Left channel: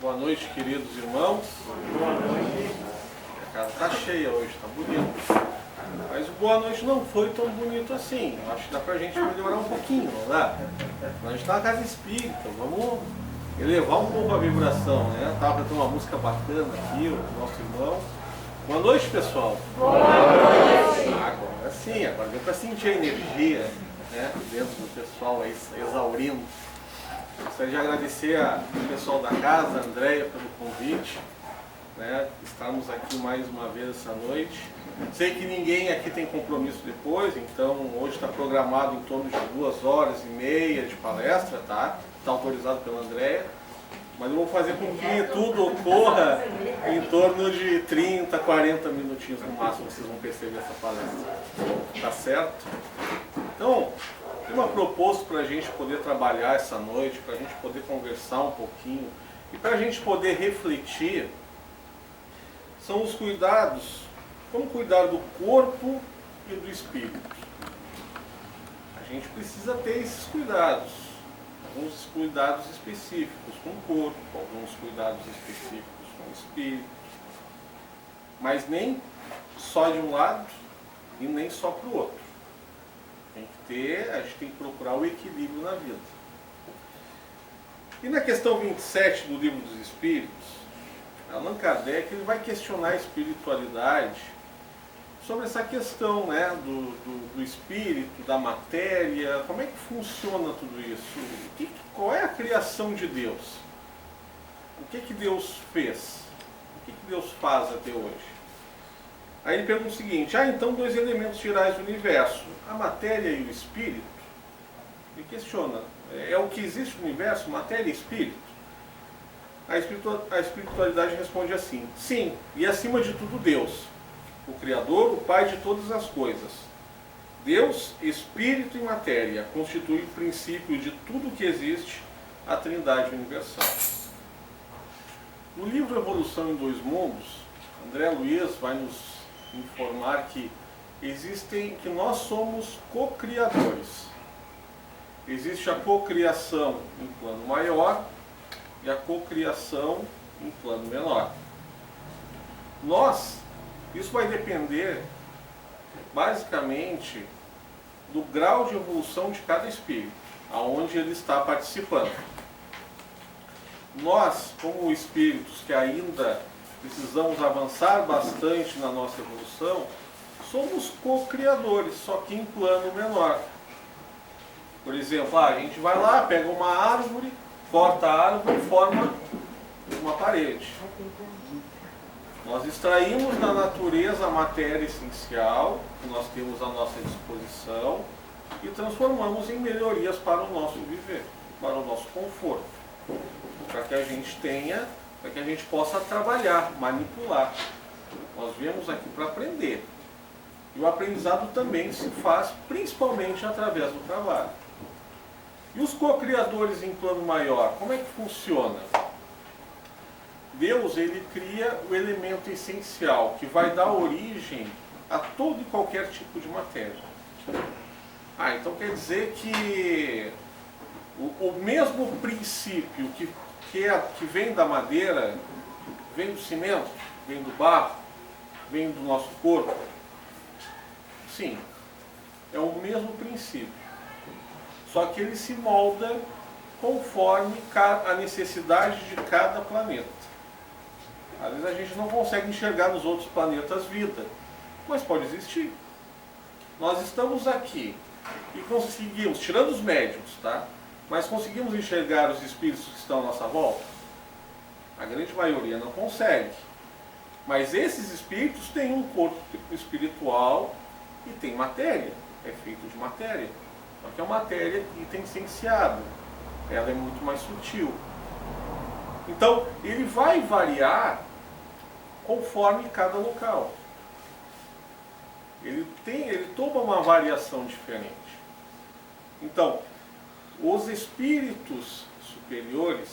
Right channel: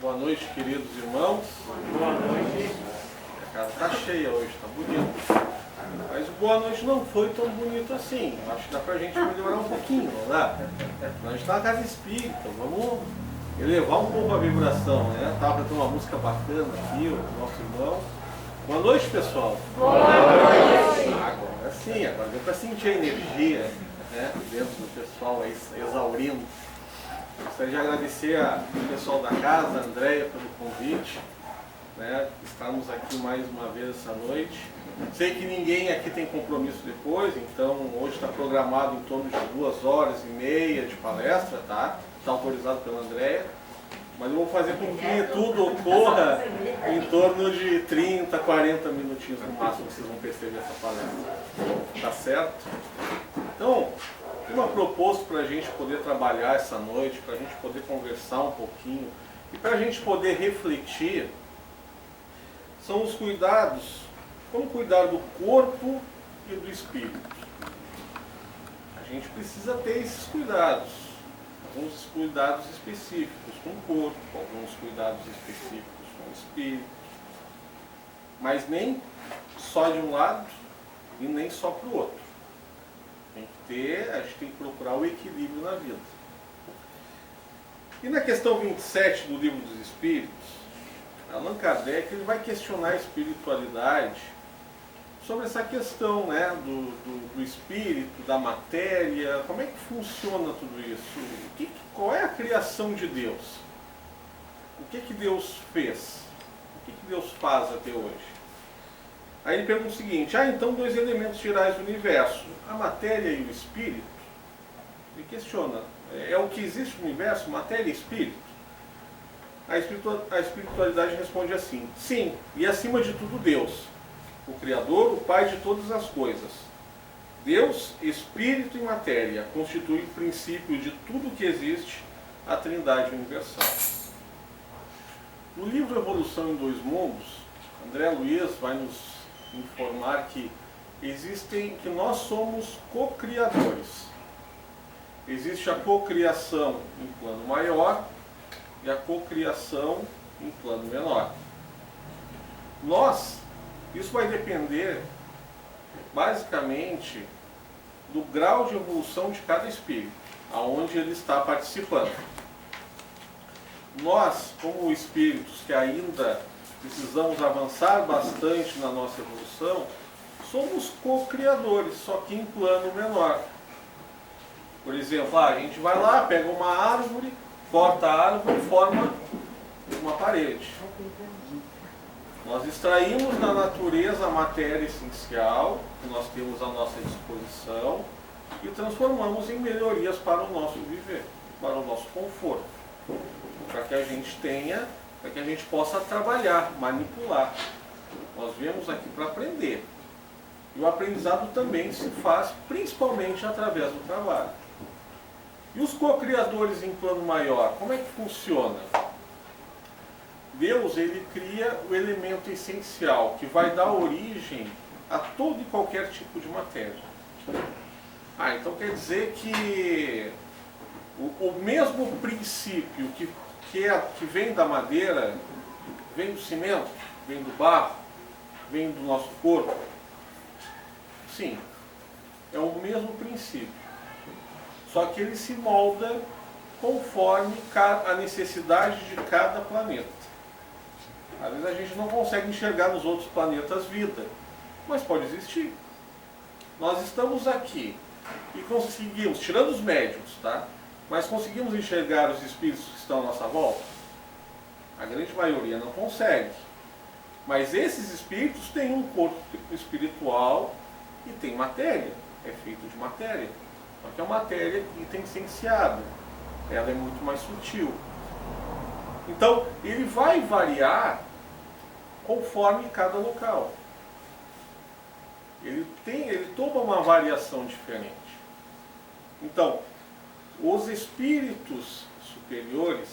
Boa noite, queridos irmãos. Boa noite. A casa está cheia hoje, está bonito. Mas o boa noite não foi tão bonito assim. Acho que dá pra gente melhorar um pouquinho, não dá? A gente está na casa espírita, vamos elevar um pouco a vibração, né? Estava cantando uma música bacana aqui, o nosso irmão. Boa noite, pessoal. Boa noite. Agora sim, agora deu para sentir a energia, né, dentro do pessoal aí, exaurindo. Gostaria de agradecer ao pessoal da casa, a Andréia, pelo convite, né? Estarmos aqui mais uma vez essa noite. Sei que ninguém aqui tem compromisso depois, então hoje está programado em torno de 2h30 de palestra, tá? Está autorizado pela Andréia. Mas eu vou fazer com que tudo ocorra em torno de 30, 40 minutinhos no máximo, vocês vão perceber essa palestra. Tá certo? Então, tem uma proposta para a gente poder trabalhar essa noite, para a gente poder conversar um pouquinho e para a gente poder refletir, são os cuidados, como cuidar do corpo e do espírito. A gente precisa ter esses cuidados, alguns cuidados específicos com o corpo, alguns cuidados específicos com o espírito, mas nem só de um lado e nem só para o outro. A gente tem que procurar o equilíbrio na vida. E na questão 27 do Livro dos Espíritos, Allan Kardec ele vai questionar a espiritualidade sobre essa questão, né, do espírito, da matéria, como é que funciona tudo isso? Qual é a criação de Deus? O que Deus fez? O que Deus faz até hoje? Aí ele pergunta o seguinte, então dois elementos gerais do universo, a matéria e o espírito? Ele questiona, é o que existe no universo, matéria e espírito? A espiritualidade responde assim, sim, e acima de tudo Deus, o Criador, o Pai de todas as coisas. Deus, espírito e matéria, constituem o princípio de tudo que existe, a Trindade Universal. No livro Evolução em Dois Mundos, André Luiz vai nos informar que nós somos co-criadores. Existe a cocriação em plano maior e a cocriação em plano menor. Isso vai depender basicamente do grau de evolução de cada espírito, aonde ele está participando. Nós, como espíritos que ainda precisamos avançar bastante na nossa evolução, somos co-criadores, só que em plano menor. Por exemplo, a gente vai lá, pega uma árvore, corta a árvore e forma uma parede. Nós extraímos da natureza a matéria essencial que nós temos à nossa disposição e transformamos em melhorias para o nosso viver, para o nosso conforto, para que a gente possa trabalhar, manipular. Nós viemos aqui para aprender. E o aprendizado também se faz principalmente através do trabalho. E os co-criadores em plano maior, como é que funciona? Deus, ele cria o elemento essencial que vai dar origem a todo e qualquer tipo de matéria. Então quer dizer que o mesmo princípio que vem da madeira, vem do cimento, vem do barro, vem do nosso corpo. Sim, é o mesmo princípio. Só que ele se molda conforme a necessidade de cada planeta. Às vezes a gente não consegue enxergar nos outros planetas vida, mas pode existir. Nós estamos aqui e conseguimos, tirando os médiuns, tá? Mas conseguimos enxergar os espíritos que estão à nossa volta? A grande maioria não consegue. Mas esses espíritos têm um corpo espiritual e tem matéria. É feito de matéria. Só que a matéria licenciada. Ela é muito mais sutil. Então, ele vai variar conforme cada local. Ele toma uma variação diferente. Então, os espíritos superiores,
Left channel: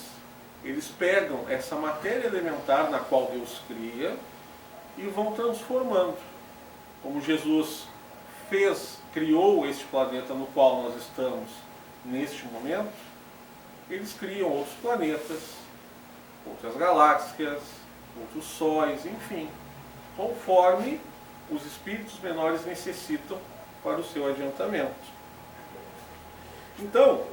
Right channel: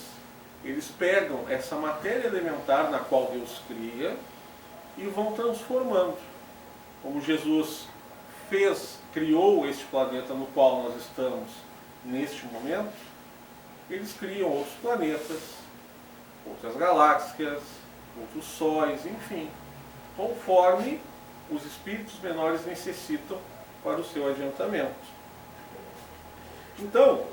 eles pegam essa matéria elementar na qual Deus cria e vão transformando. Como Jesus criou este planeta no qual nós estamos neste momento, eles criam outros planetas, outras outras galáxias, outros sóis, enfim, conforme os espíritos menores necessitam para o seu adiantamento. Então,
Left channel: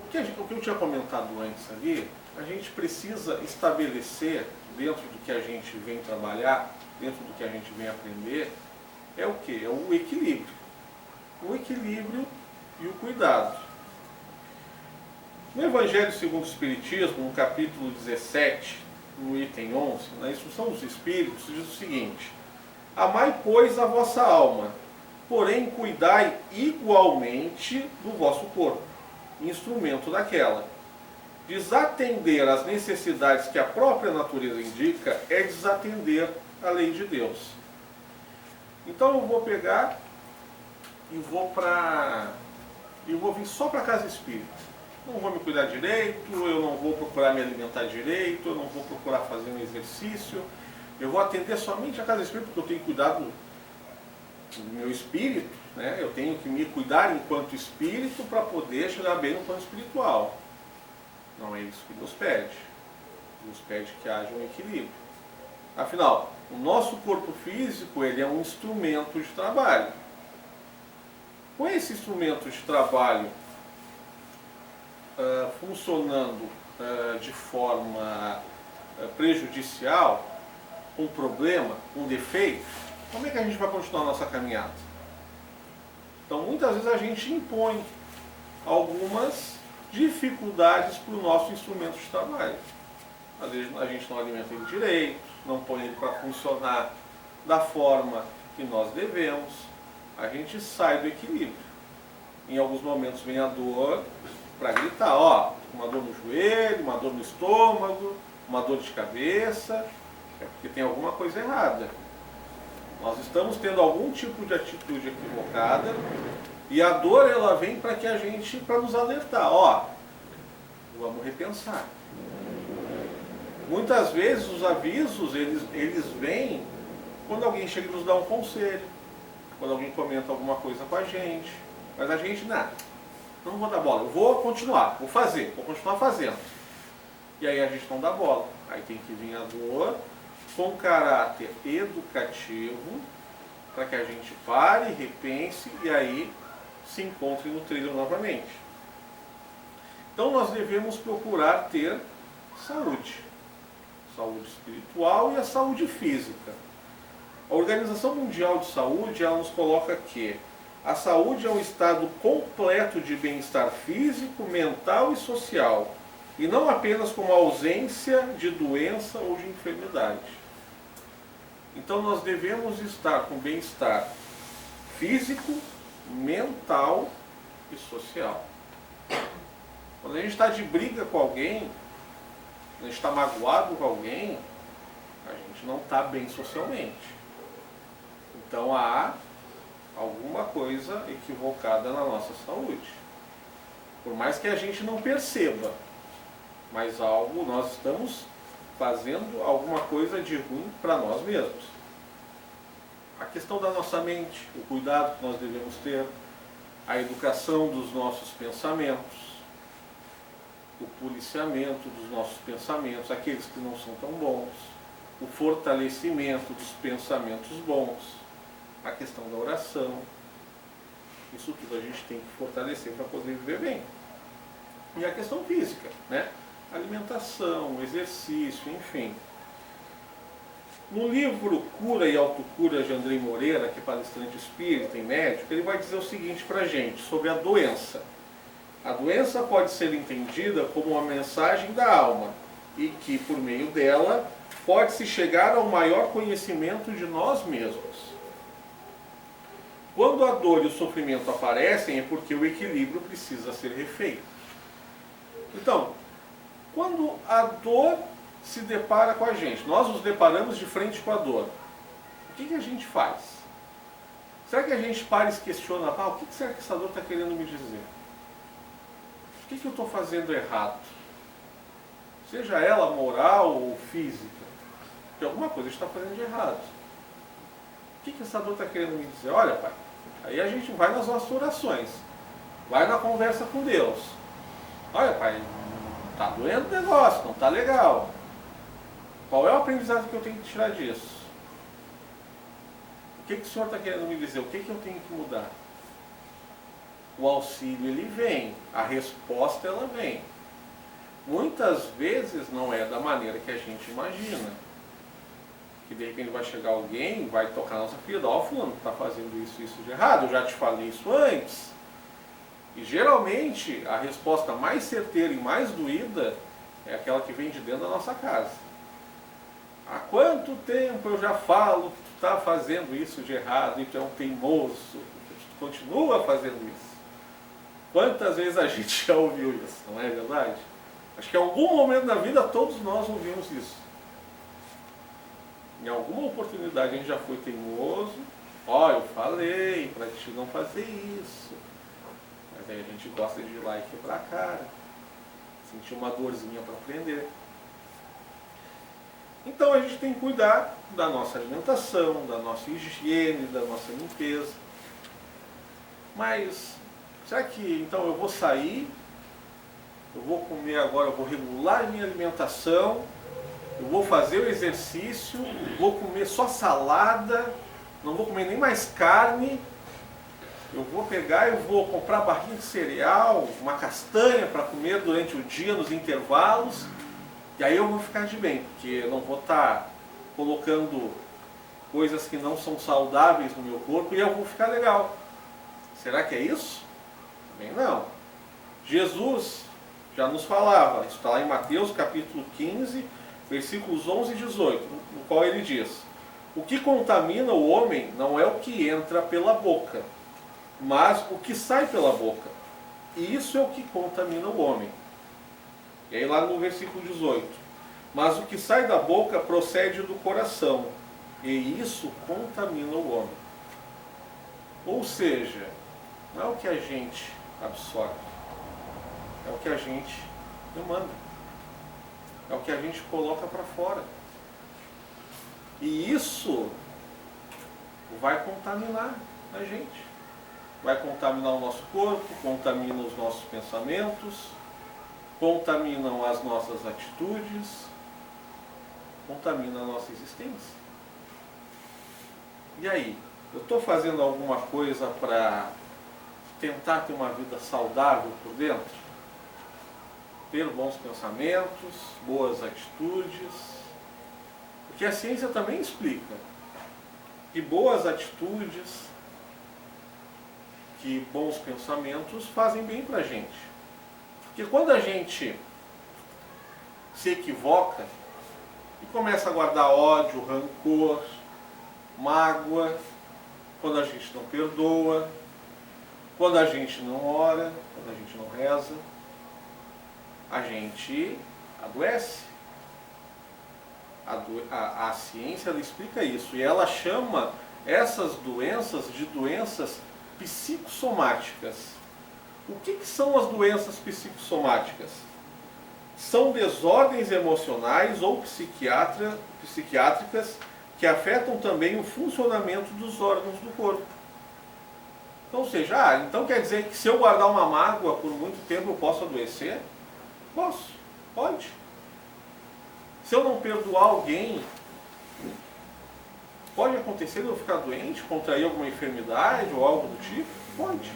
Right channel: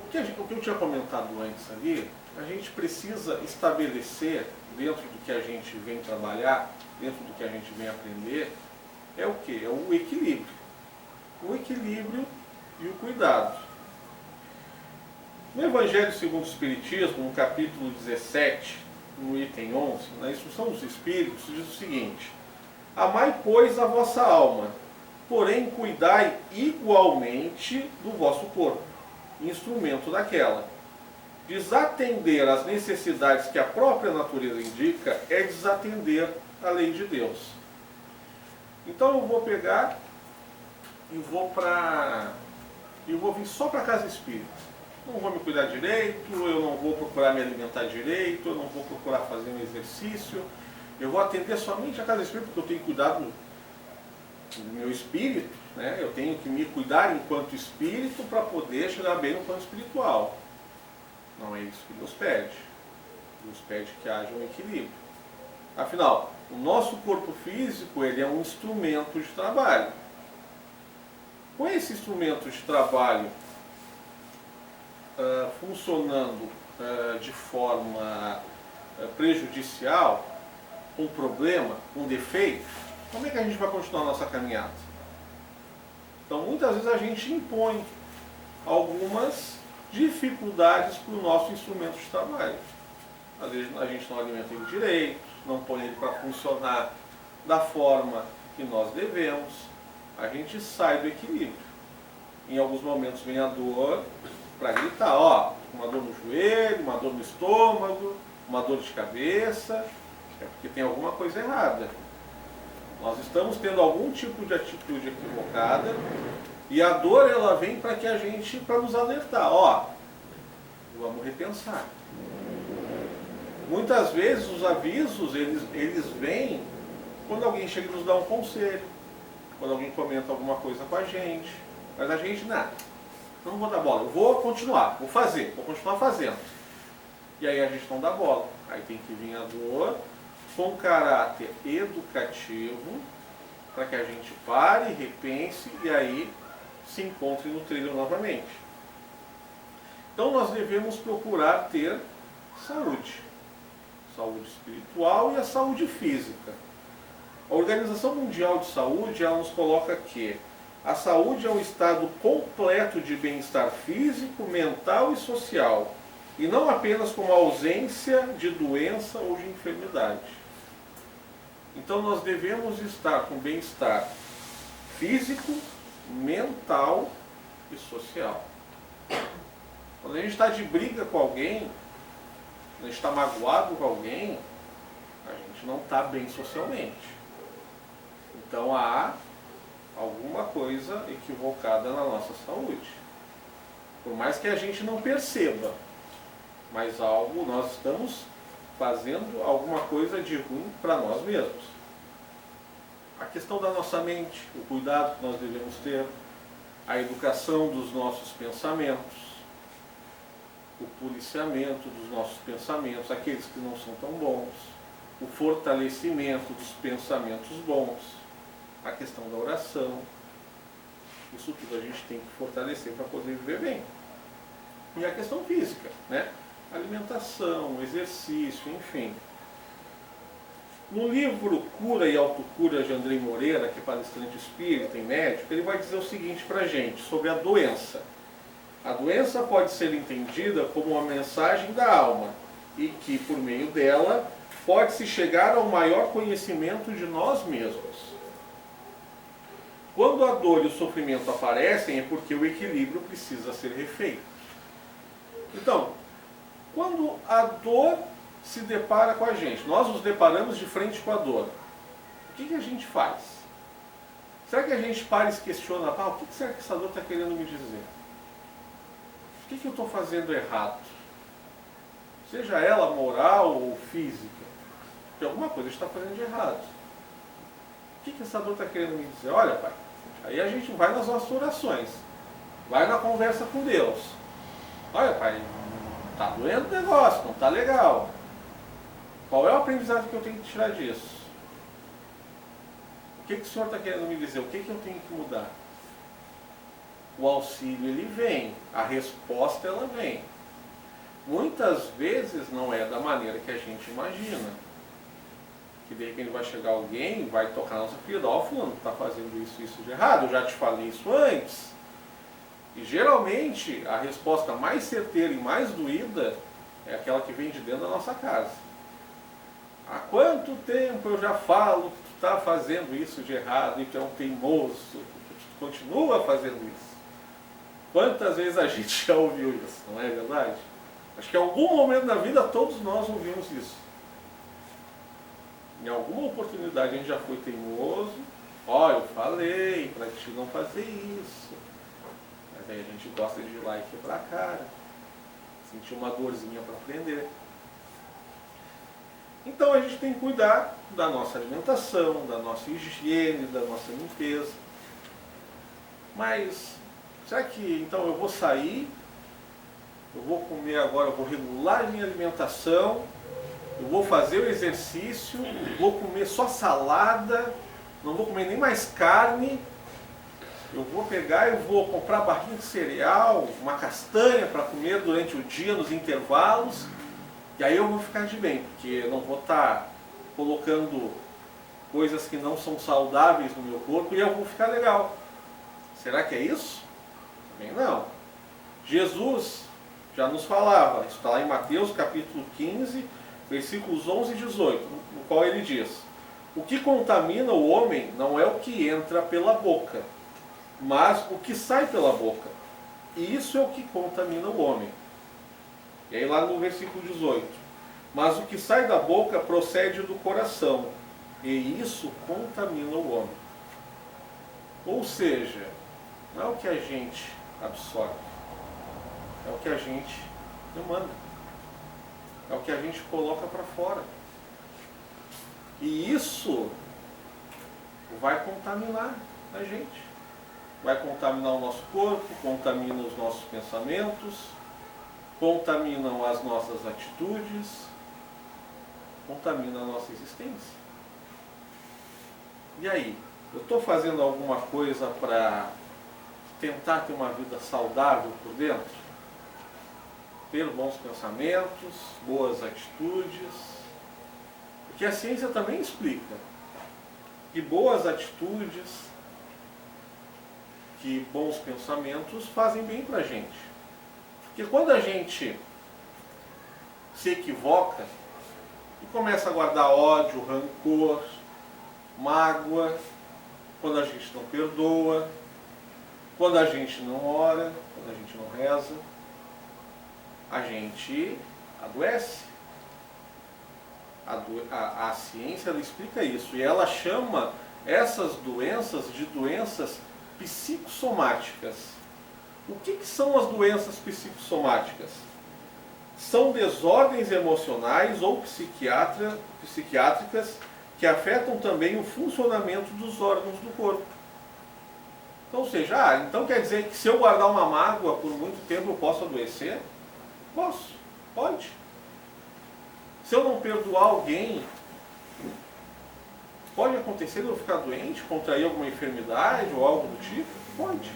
o que eu tinha comentado antes ali, a gente precisa estabelecer, dentro do que a gente vem trabalhar, dentro do que a gente vem aprender, é o quê? É o equilíbrio. O equilíbrio e o cuidado. No Evangelho segundo o Espiritismo, no capítulo 17, no item 11, na instrução dos Espíritos, diz o seguinte: amai, pois, a vossa alma, porém cuidai igualmente do vosso corpo, instrumento daquela. Desatender às necessidades que a própria natureza indica é desatender a lei de Deus. Então eu vou pegar e vou vir só para a casa espírita. Não vou me cuidar direito, eu não vou procurar me alimentar direito, eu não vou procurar fazer um exercício. Eu vou atender somente a casa espírita, porque eu tenho cuidado do meu espírito, né? Eu tenho que me cuidar enquanto espírito para poder chegar bem no plano espiritual. Não é isso que Deus pede. Deus pede que haja um equilíbrio. Afinal, o nosso corpo físico, ele é um instrumento de trabalho. Com esse instrumento de trabalho funcionando de forma prejudicial, um problema, um defeito, como é que a gente vai continuar a nossa caminhada? Então, muitas vezes a gente impõe algumas dificuldades para o nosso instrumento de trabalho. Às vezes a gente não alimenta ele direito, não põe ele para funcionar da forma que nós devemos, a gente sai do equilíbrio. Em alguns momentos vem a dor para gritar, ó, uma dor no joelho, uma dor no estômago, uma dor de cabeça, é porque tem alguma coisa errada. Nós estamos tendo algum tipo de atitude equivocada e a dor ela vem para que a gente, para nos alertar, ó, vamos repensar. Muitas vezes os avisos, eles vêm quando alguém chega e nos dá um conselho, quando alguém comenta alguma coisa com a gente, mas a gente, não vou dar bola, eu vou continuar, vou continuar fazendo. E aí a gente não dá bola, aí tem que vir a dor com caráter educativo, para que a gente pare, repense e aí se encontre no trilho novamente. Então nós devemos procurar ter saúde. Saúde espiritual e a saúde física. A Organização Mundial de Saúde, ela nos coloca que a saúde é um estado completo de bem-estar físico, mental e social, e não apenas como ausência de doença ou de enfermidade. Então nós devemos estar com bem-estar físico, mental e social. Quando a gente está de briga com alguém, quando a gente está magoado com alguém, a gente não está bem socialmente. Então há alguma coisa equivocada na nossa saúde. Por mais que a gente não perceba, mas nós estamos fazendo alguma coisa de ruim para nós mesmos. A questão da nossa mente, o cuidado que nós devemos ter, a educação dos nossos pensamentos, o policiamento dos nossos pensamentos, aqueles que não são tão bons, o fortalecimento dos pensamentos bons, a questão da oração, isso tudo a gente tem que fortalecer para poder viver bem. E a questão física, né? Alimentação, exercício, enfim. No livro Cura e Autocura de Andrei Moreira, que é palestrante espírita e médico, ele vai dizer o seguinte para a gente sobre a doença. A doença pode ser entendida como uma mensagem da alma e que, por meio dela, pode-se chegar ao maior conhecimento de nós mesmos. Quando a dor e o sofrimento aparecem, é porque o equilíbrio precisa ser refeito. Então, quando a dor se depara com a gente, nós nos deparamos de frente com a dor, o que a gente faz? Será que a gente para e se questiona, o que será que essa dor está querendo me dizer? O que eu estou fazendo errado? Seja ela moral ou física, porque alguma coisa está fazendo de errado. O que essa dor está querendo me dizer? Olha, pai, aí a gente vai nas nossas orações, vai na conversa com Deus. Olha, pai, Está doendo o negócio, não está legal. Qual é o aprendizado que eu tenho que tirar disso? O que o senhor está querendo me dizer? O que eu tenho que mudar? O auxílio, ele vem. A resposta, ela vem. Muitas vezes não é da maneira que a gente imagina. Que de repente vai chegar alguém, vai tocar na nossa ferida. Ó, fulano, está fazendo isso de errado. Eu já te falei isso antes. E geralmente, a resposta mais certeira e mais doída é aquela que vem de dentro da nossa casa. Há quanto tempo eu já falo que tu está fazendo isso de errado e tu é um teimoso, tu continua fazendo isso. Quantas vezes a gente já ouviu isso, não é verdade? Acho que em algum momento da vida todos nós ouvimos isso. Em alguma oportunidade a gente já foi teimoso. Ó, eu falei para ti não fazer isso. Mas aí a gente gosta de ir lá e quebrar a cara. Sentir uma dorzinha para aprender. Então a gente tem que cuidar da nossa alimentação, da nossa higiene, da nossa limpeza. Mas será que então eu vou sair, eu vou comer agora, eu vou regular a minha alimentação, eu vou fazer o exercício, vou comer só salada, não vou comer nem mais carne, eu vou pegar e vou comprar barrinha de cereal, uma castanha para comer durante o dia, nos intervalos, e aí eu vou ficar de bem, porque eu não vou estar colocando coisas que não são saudáveis no meu corpo e eu vou ficar legal. Será que é isso? Também não. Jesus já nos falava, isso está lá em Mateus capítulo 15, versículos 11 e 18, no qual ele diz: o que contamina o homem não é o que entra pela boca, mas o que sai pela boca. E isso é o que contamina o homem. E aí lá no versículo 18: mas o que sai da boca procede do coração, e isso contamina o homem. Ou seja, não é o que a gente absorve, é o que a gente demanda, é o que a gente coloca para fora. E isso vai contaminar a gente, vai contaminar o nosso corpo, contamina os nossos pensamentos, contaminam as nossas atitudes, contamina a nossa existência. E aí, eu estou fazendo alguma coisa para tentar ter uma vida saudável por dentro? Ter bons pensamentos, boas atitudes? Porque a ciência também explica que boas atitudes, que bons pensamentos fazem bem para a gente. Porque quando a gente se equivoca e começa a guardar ódio, rancor, mágoa, quando a gente não perdoa, quando a gente não ora, quando a gente não reza, a gente adoece. A ciência ela explica isso e ela chama essas doenças de doenças psicossomáticas. O que são as doenças psicossomáticas? São desordens emocionais ou psiquiátricas que afetam também o funcionamento dos órgãos do corpo. Então, ou seja, então quer dizer que se eu guardar uma mágoa por muito tempo eu posso adoecer? Posso, pode. Se eu não perdoar alguém, pode acontecer de eu ficar doente, contrair alguma enfermidade ou algo do tipo? Pode.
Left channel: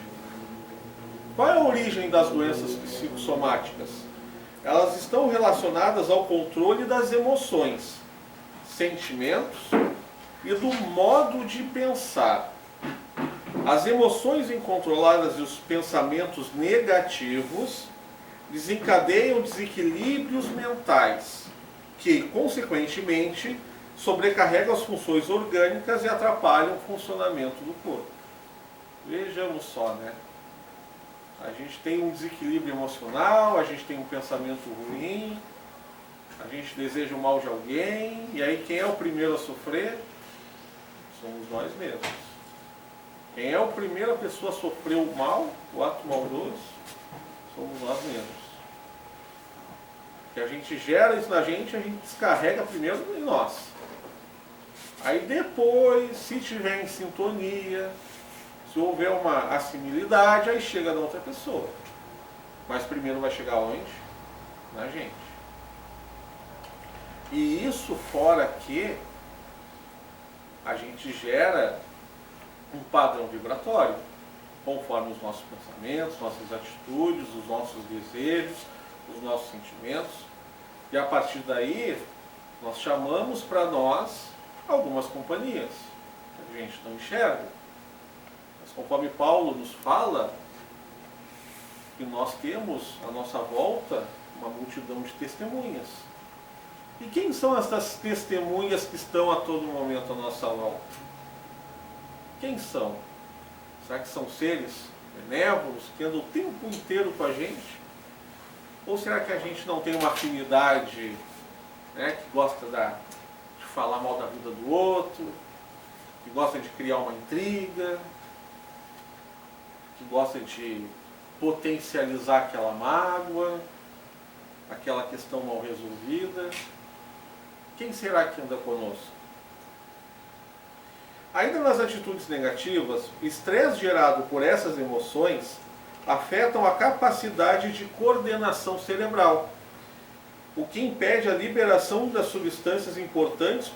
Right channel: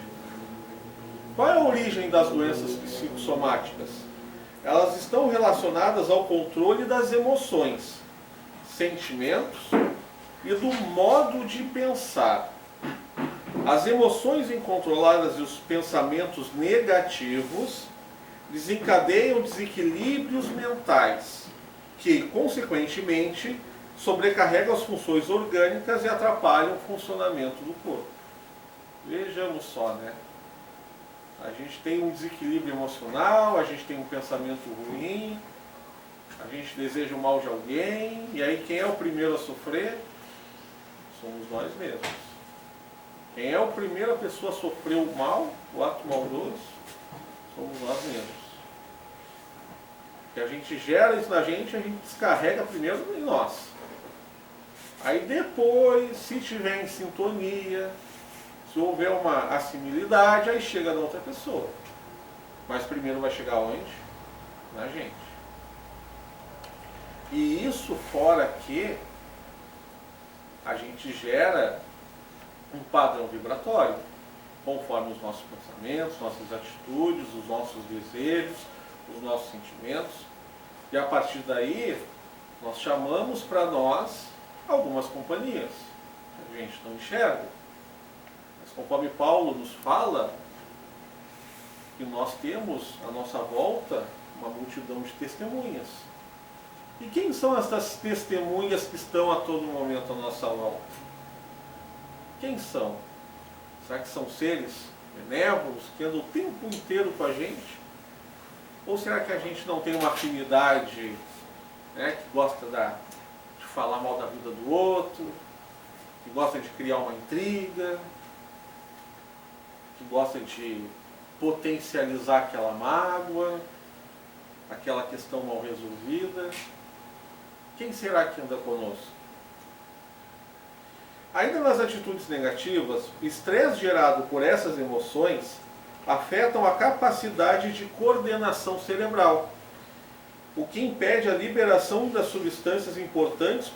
Qual é a origem das doenças psicossomáticas? Elas estão relacionadas ao controle das emoções, sentimentos e do modo de pensar. As emoções incontroladas e os pensamentos negativos desencadeiam desequilíbrios mentais, que, consequentemente, sobrecarregam as funções orgânicas e atrapalham o funcionamento do corpo. Vejamos só, né? A gente tem um desequilíbrio emocional, a gente tem um pensamento ruim, a gente deseja o mal de alguém, e aí quem é o primeiro a sofrer? Somos nós mesmos. Quem é a primeira pessoa a sofrer o mal, o ato maldoso? Somos nós mesmos. Que a gente gera isso na gente, a gente descarrega primeiro em nós. Aí depois, se tiver em sintonia, se houver uma assimilidade, aí chega da outra pessoa. Mas primeiro vai chegar onde? na gente. E isso fora que a gente gera um padrão vibratório, conforme os nossos pensamentos, nossas atitudes, os nossos desejos, os nossos sentimentos. E a partir daí, nós chamamos para nós algumas companhias que a gente não enxerga. Mas conforme Paulo nos fala, que nós temos à nossa volta uma multidão de testemunhas. E quem são essas testemunhas que estão a todo momento à nossa volta? Quem são? Será que são seres benévolos que andam o tempo inteiro com a gente? Ou será que a gente não tem uma afinidade, né, que gosta de falar mal da vida do outro, que gosta de criar uma intriga, que gosta de potencializar aquela mágoa, aquela questão mal resolvida? Quem será que anda conosco? Ainda nas atitudes negativas, o estresse gerado por essas emoções afetam a capacidade de coordenação cerebral, o que impede a liberação das substâncias importantes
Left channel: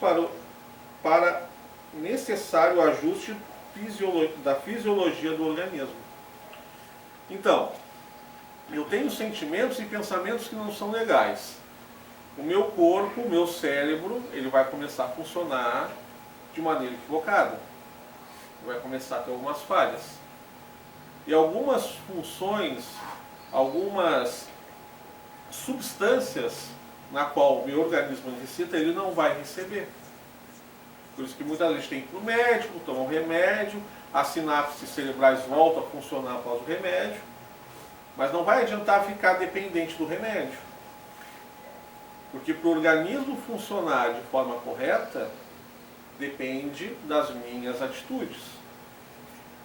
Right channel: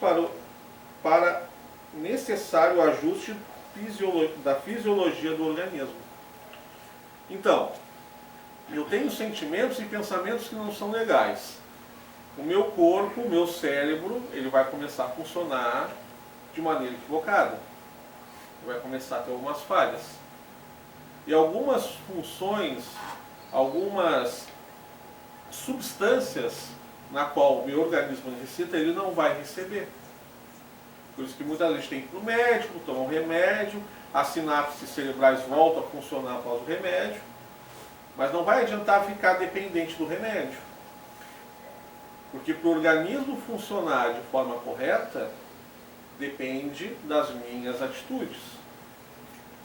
para necessário ajuste da fisiologia do organismo. Então, eu tenho sentimentos e pensamentos que não são legais. O meu corpo, o meu cérebro, ele vai começar a funcionar de maneira equivocada. Vai começar a ter algumas falhas. E algumas funções, algumas substâncias na qual o meu organismo necessita, ele não vai receber. Por isso que muitas vezes tem que ir para o médico, tomar um remédio, as sinapses cerebrais voltam a funcionar após o remédio, mas não vai adiantar ficar dependente do remédio. Porque para o organismo funcionar de forma correta, depende das minhas atitudes.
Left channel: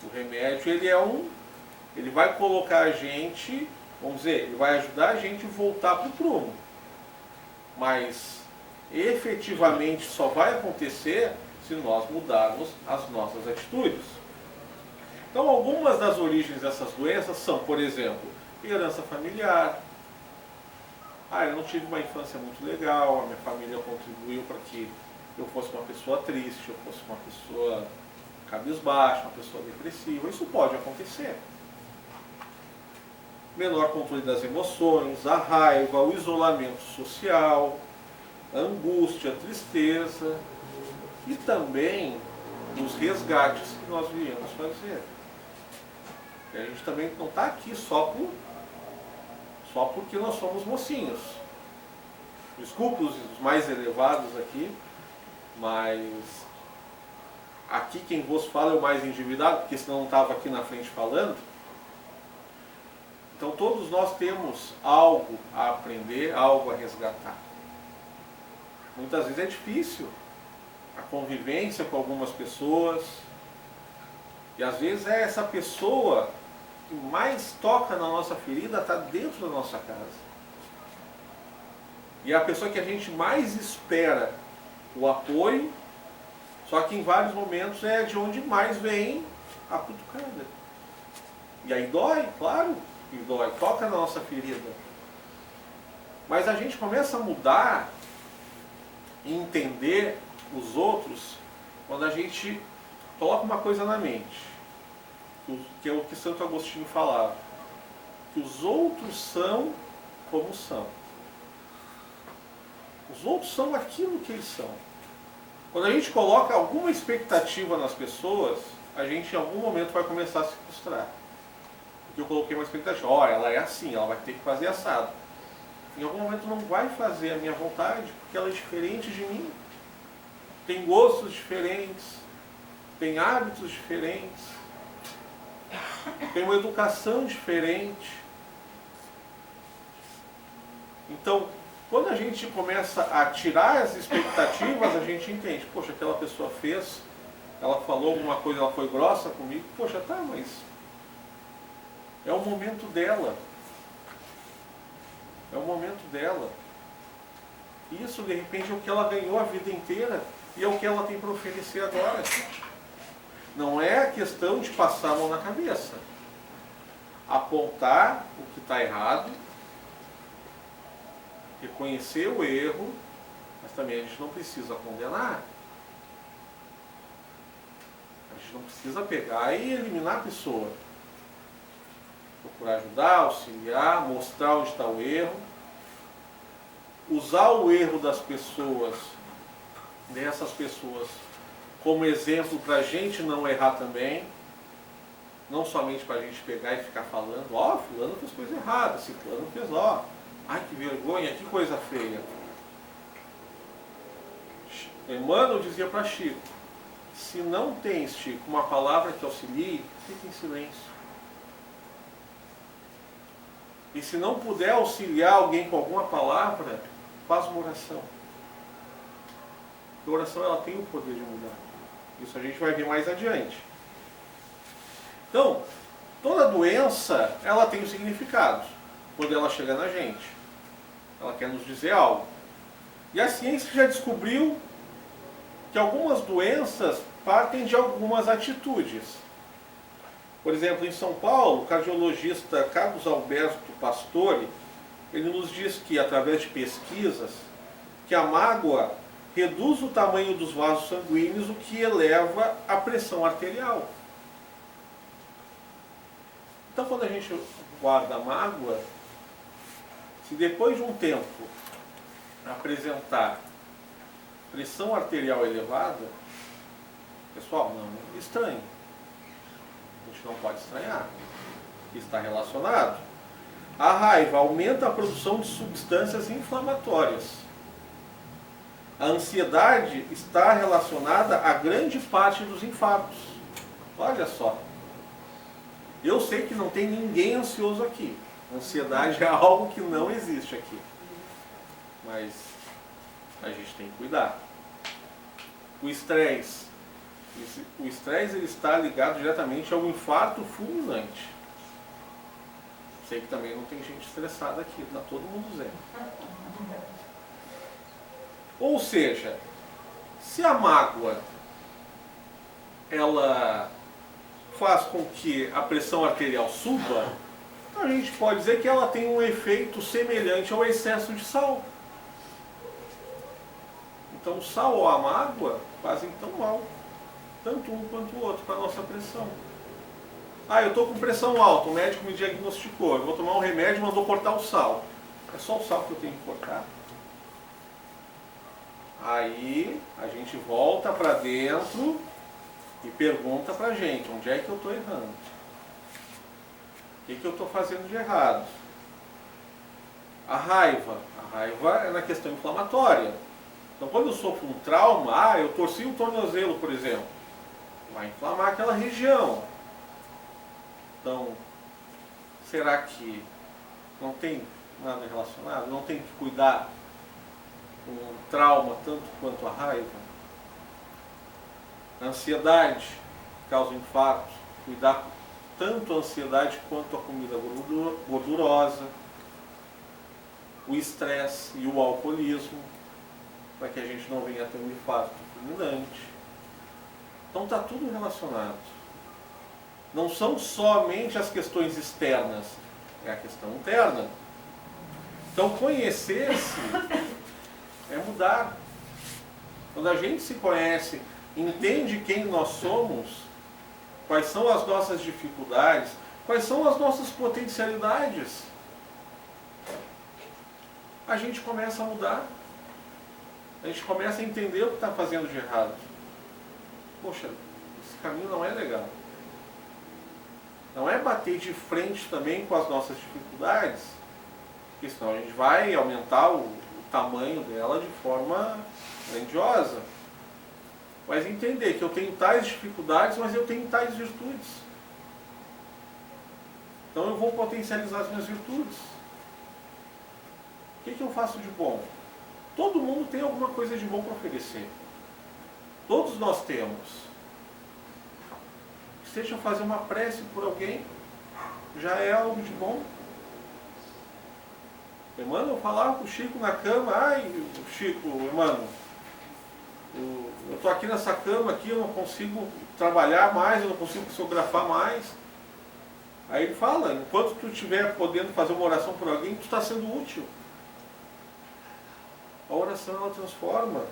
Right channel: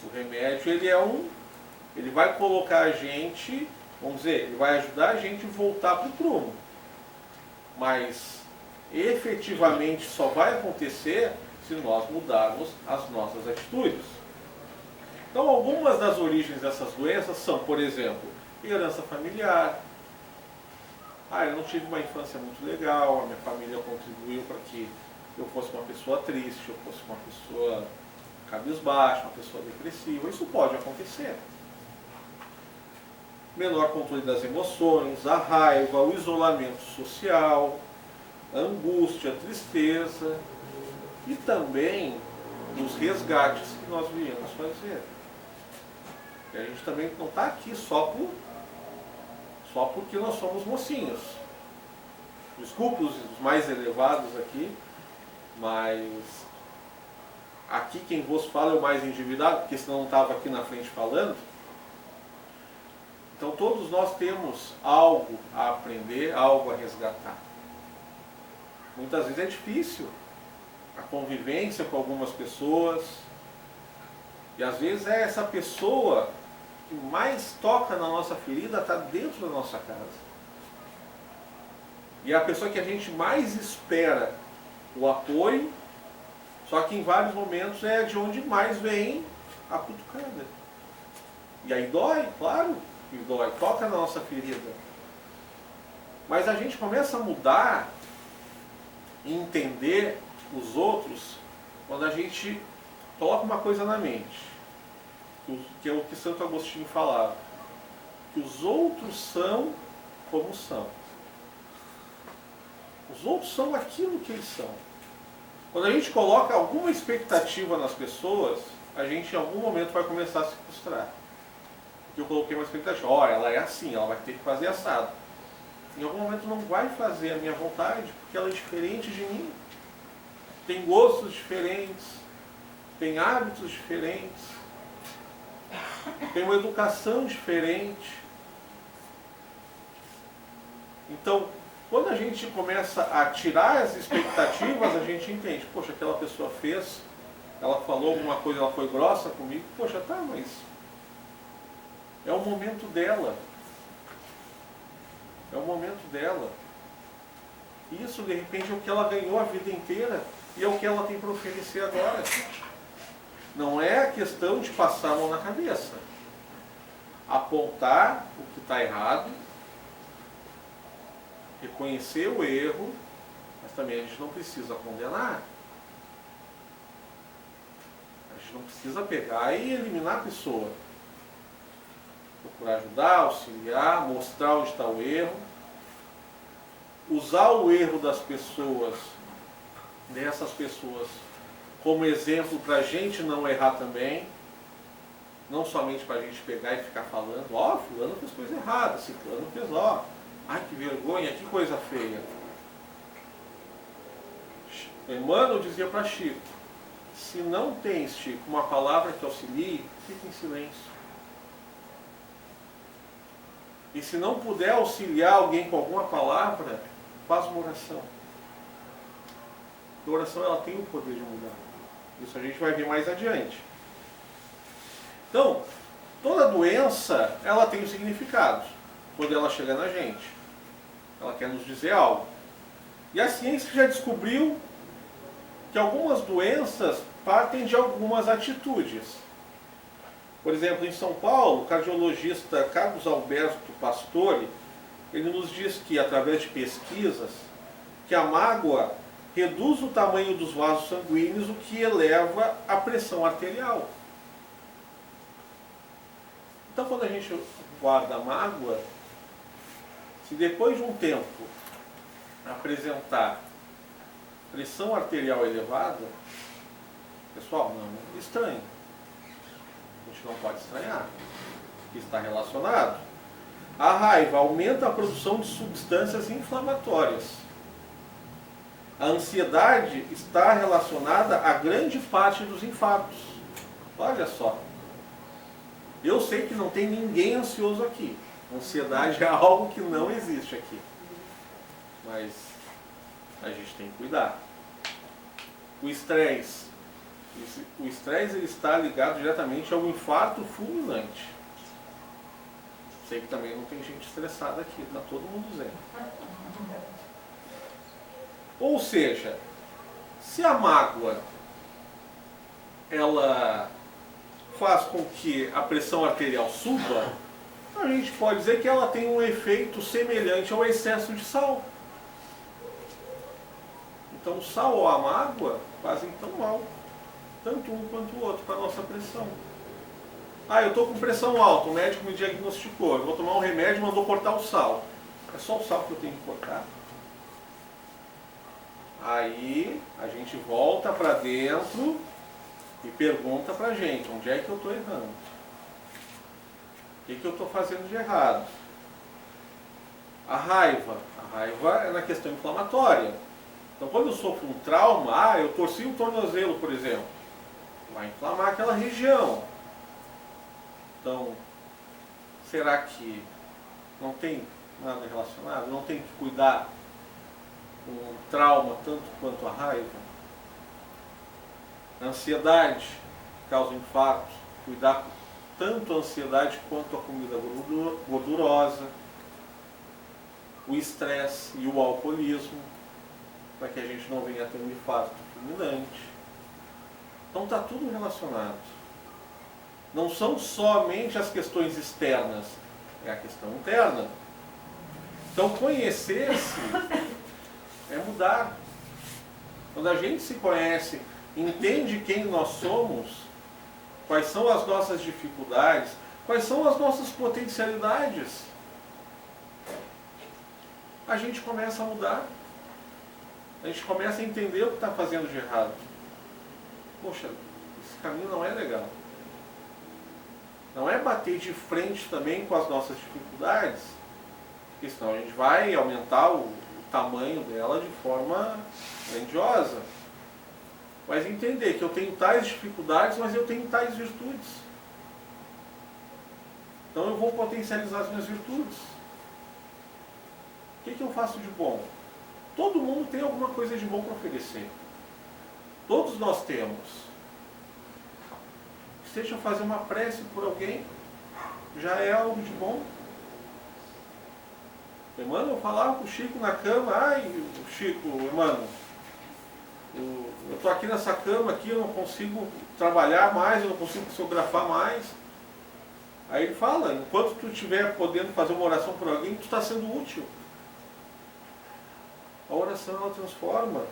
O remédio, ele vai colocar a gente, vamos dizer, ele vai ajudar a gente a voltar para o prumo. Mas efetivamente só vai acontecer se nós mudarmos as nossas atitudes. Então, algumas das origens dessas doenças são, por exemplo, herança familiar. Eu não tive uma infância muito legal, a minha família contribuiu para que eu fosse uma pessoa triste, eu fosse uma pessoa cabisbaixa, uma pessoa depressiva. Isso pode acontecer. Menor controle das emoções, a raiva, o isolamento social, a angústia, a tristeza e também os resgates que nós viemos fazer. E a gente também não está aqui só porque nós somos mocinhos. Desculpe os mais elevados aqui, mas aqui quem vos fala é o mais endividado, porque senão não estava aqui na frente falando. Então todos nós temos algo a aprender, algo a resgatar. Muitas vezes é difícil a convivência com algumas pessoas, e às vezes é essa pessoa que mais toca na nossa ferida está dentro da nossa casa. E é a pessoa que a gente mais espera o apoio, só que em vários momentos é de onde mais vem a cutucada. E aí dói, claro, e dói, toca na nossa ferida. Mas a gente começa a mudar e entender os outros quando a gente coloca uma coisa na mente, que é o que Santo Agostinho falava, que os outros são como são. Os outros são aquilo que eles são. Quando a gente coloca alguma expectativa nas pessoas, a gente em algum momento vai começar a se frustrar. Porque eu coloquei uma expectativa, ela é assim, ela vai ter que fazer assado. Em algum momento não vai fazer a minha vontade, porque ela é diferente de mim. Tem gostos diferentes, tem hábitos diferentes, tem uma educação diferente. Então, quando a gente começa a tirar as expectativas, a gente entende, poxa, aquela pessoa fez, ela falou alguma coisa, ela foi grossa comigo, poxa, tá, mas é o momento dela. É o momento dela. Isso, de repente, é o que ela ganhou a vida inteira e é o que ela tem para oferecer agora. Não é a questão de passar a mão na cabeça. Apontar o que está errado reconhecer o erro, mas também a gente não precisa condenar. A gente não precisa pegar e eliminar a pessoa. Procurar ajudar, auxiliar, mostrar onde está o erro. Usar o erro das pessoas, dessas pessoas, como exemplo para a gente não errar também. Não somente para a gente pegar e ficar falando, ó, fulano fez coisa errada, ciclano fez, ó, ai que vergonha, que coisa feia. Emmanuel dizia para Chico, se não tens, Chico, uma palavra que auxilie, fique em silêncio. E se não puder auxiliar alguém com alguma palavra, faz uma oração. A oração ela tem o poder de mudar. Isso a gente vai ver mais adiante. Então, toda doença, ela tem um significado quando ela chega na gente. Ela quer nos dizer algo. E a ciência já descobriu que algumas doenças partem de algumas atitudes. Por exemplo, em São Paulo, o cardiologista Carlos Alberto Pastore, ele nos diz que, através de pesquisas, que a mágoa reduz o tamanho dos vasos sanguíneos, o que eleva a pressão arterial. Então, quando a gente guarda a mágoa, se depois de um tempo apresentar pressão arterial elevada, pessoal, não é estranho. A gente não pode estranhar, que está relacionado. A raiva aumenta a produção de substâncias inflamatórias. A ansiedade está relacionada a grande parte dos infartos. Olha só. Eu sei que não tem ninguém ansioso aqui. Ansiedade é algo que não existe aqui. Mas a gente tem que cuidar. O estresse. O estresse ele está ligado diretamente ao infarto fulminante. Sei que também não tem gente estressada aqui, está todo mundo zen. Ou seja, se a mágoa ela faz com que a pressão arterial suba, a gente pode dizer que ela tem um efeito semelhante ao excesso de sal. Então o sal ou a mágoa fazem tão mal, tanto um quanto o outro, para a nossa pressão. Ah, eu estou com pressão alta, o médico me diagnosticou, eu vou tomar um remédio e mandou cortar o sal. É só o sal que eu tenho que cortar? Aí a gente volta para dentro e pergunta para a gente, onde é que eu estou errando? O que eu estou fazendo de errado? A raiva é na questão inflamatória. Então quando eu sofro um trauma, eu torci o tornozelo, por exemplo, vai inflamar aquela região. Então, será que não tem nada relacionado? Não tem que cuidar com o trauma tanto quanto a raiva? A ansiedade causa infarto, cuidar tanto a ansiedade quanto a comida gordurosa, o estresse e o alcoolismo, para que a gente não venha a ter um infarto fulminante. Então está tudo relacionado. Não são somente as questões externas, é a questão interna. Então conhecer-se é mudar. Quando a gente se conhece, entende quem nós somos, quais são as nossas dificuldades, quais são as nossas potencialidades, a gente começa a mudar. A gente começa a entender o que está fazendo de errado. Poxa, esse caminho não é legal. Não é bater de frente também com as nossas dificuldades, porque senão a gente vai aumentar o tamanho dela de forma grandiosa. Mas entender que eu tenho tais dificuldades, mas eu tenho tais virtudes. Então eu vou potencializar as minhas virtudes. O que eu faço de bom? Todo mundo tem alguma coisa de bom para oferecer. Todos nós temos. Seja fazer uma prece por alguém, já é algo de bom. Emmanuel falava com o Chico na cama, ai, Chico, Emmanuel, eu estou aqui nessa cama aqui, eu não consigo trabalhar mais, eu não consigo psicografar mais. Aí ele fala, enquanto tu estiver podendo fazer uma oração por alguém, tu está sendo útil. A oração ela transforma.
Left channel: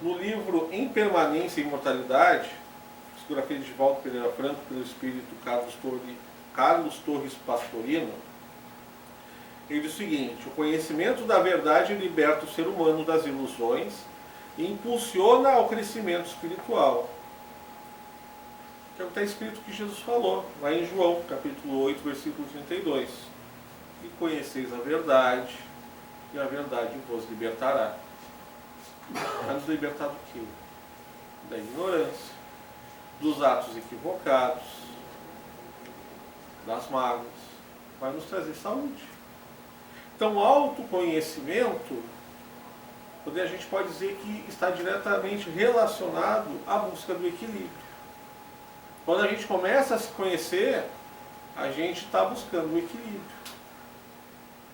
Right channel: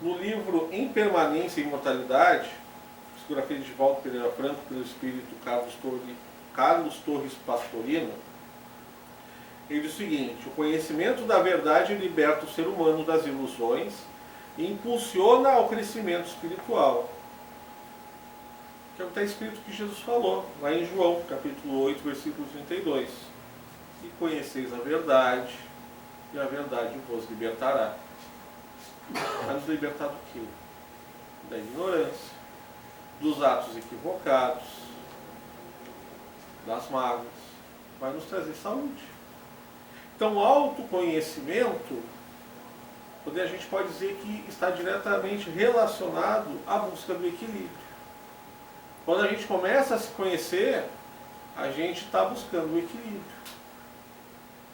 No livro Em Permanência e Imortalidade, psicografia de Valdo Pereira Franco pelo espírito Carlos Torres Pastorino, ele diz o seguinte: o conhecimento da verdade liberta o ser humano das ilusões e impulsiona ao crescimento espiritual. Que é o que está escrito que Jesus falou, lá em João, capítulo 8, versículo 32. E conheceis a verdade, e a verdade vos libertará. Vai nos libertar do quê? Da ignorância, dos atos equivocados, das mágoas. Vai nos trazer saúde. Então, o autoconhecimento, a gente pode dizer que está diretamente relacionado à busca do equilíbrio. Quando a gente começa a se conhecer, a gente está buscando o equilíbrio.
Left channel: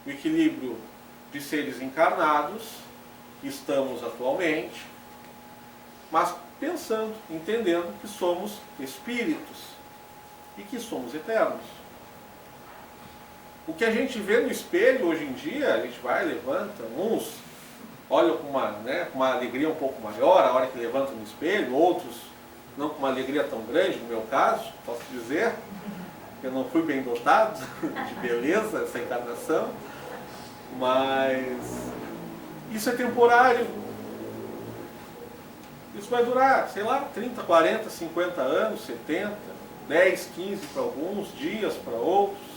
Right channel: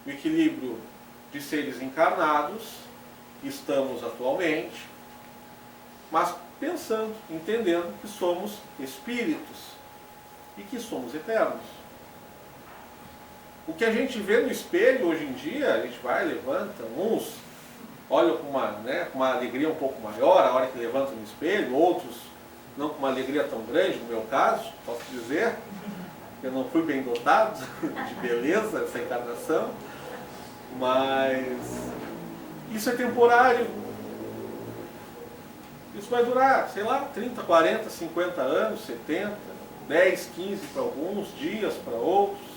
O equilíbrio de seres encarnados, que estamos atualmente, mas pensando, entendendo que somos espíritos e que somos eternos. O que a gente vê no espelho hoje em dia, a gente vai, levanta, uns olham com uma alegria um pouco maior a hora que levantam no espelho, outros não com uma alegria tão grande, no meu caso, posso dizer, que eu não fui bem dotado de beleza essa encarnação, mas isso é temporário. Isso vai durar, sei lá, 30, 40, 50 anos, 70, 10, 15 para alguns, dias para outros.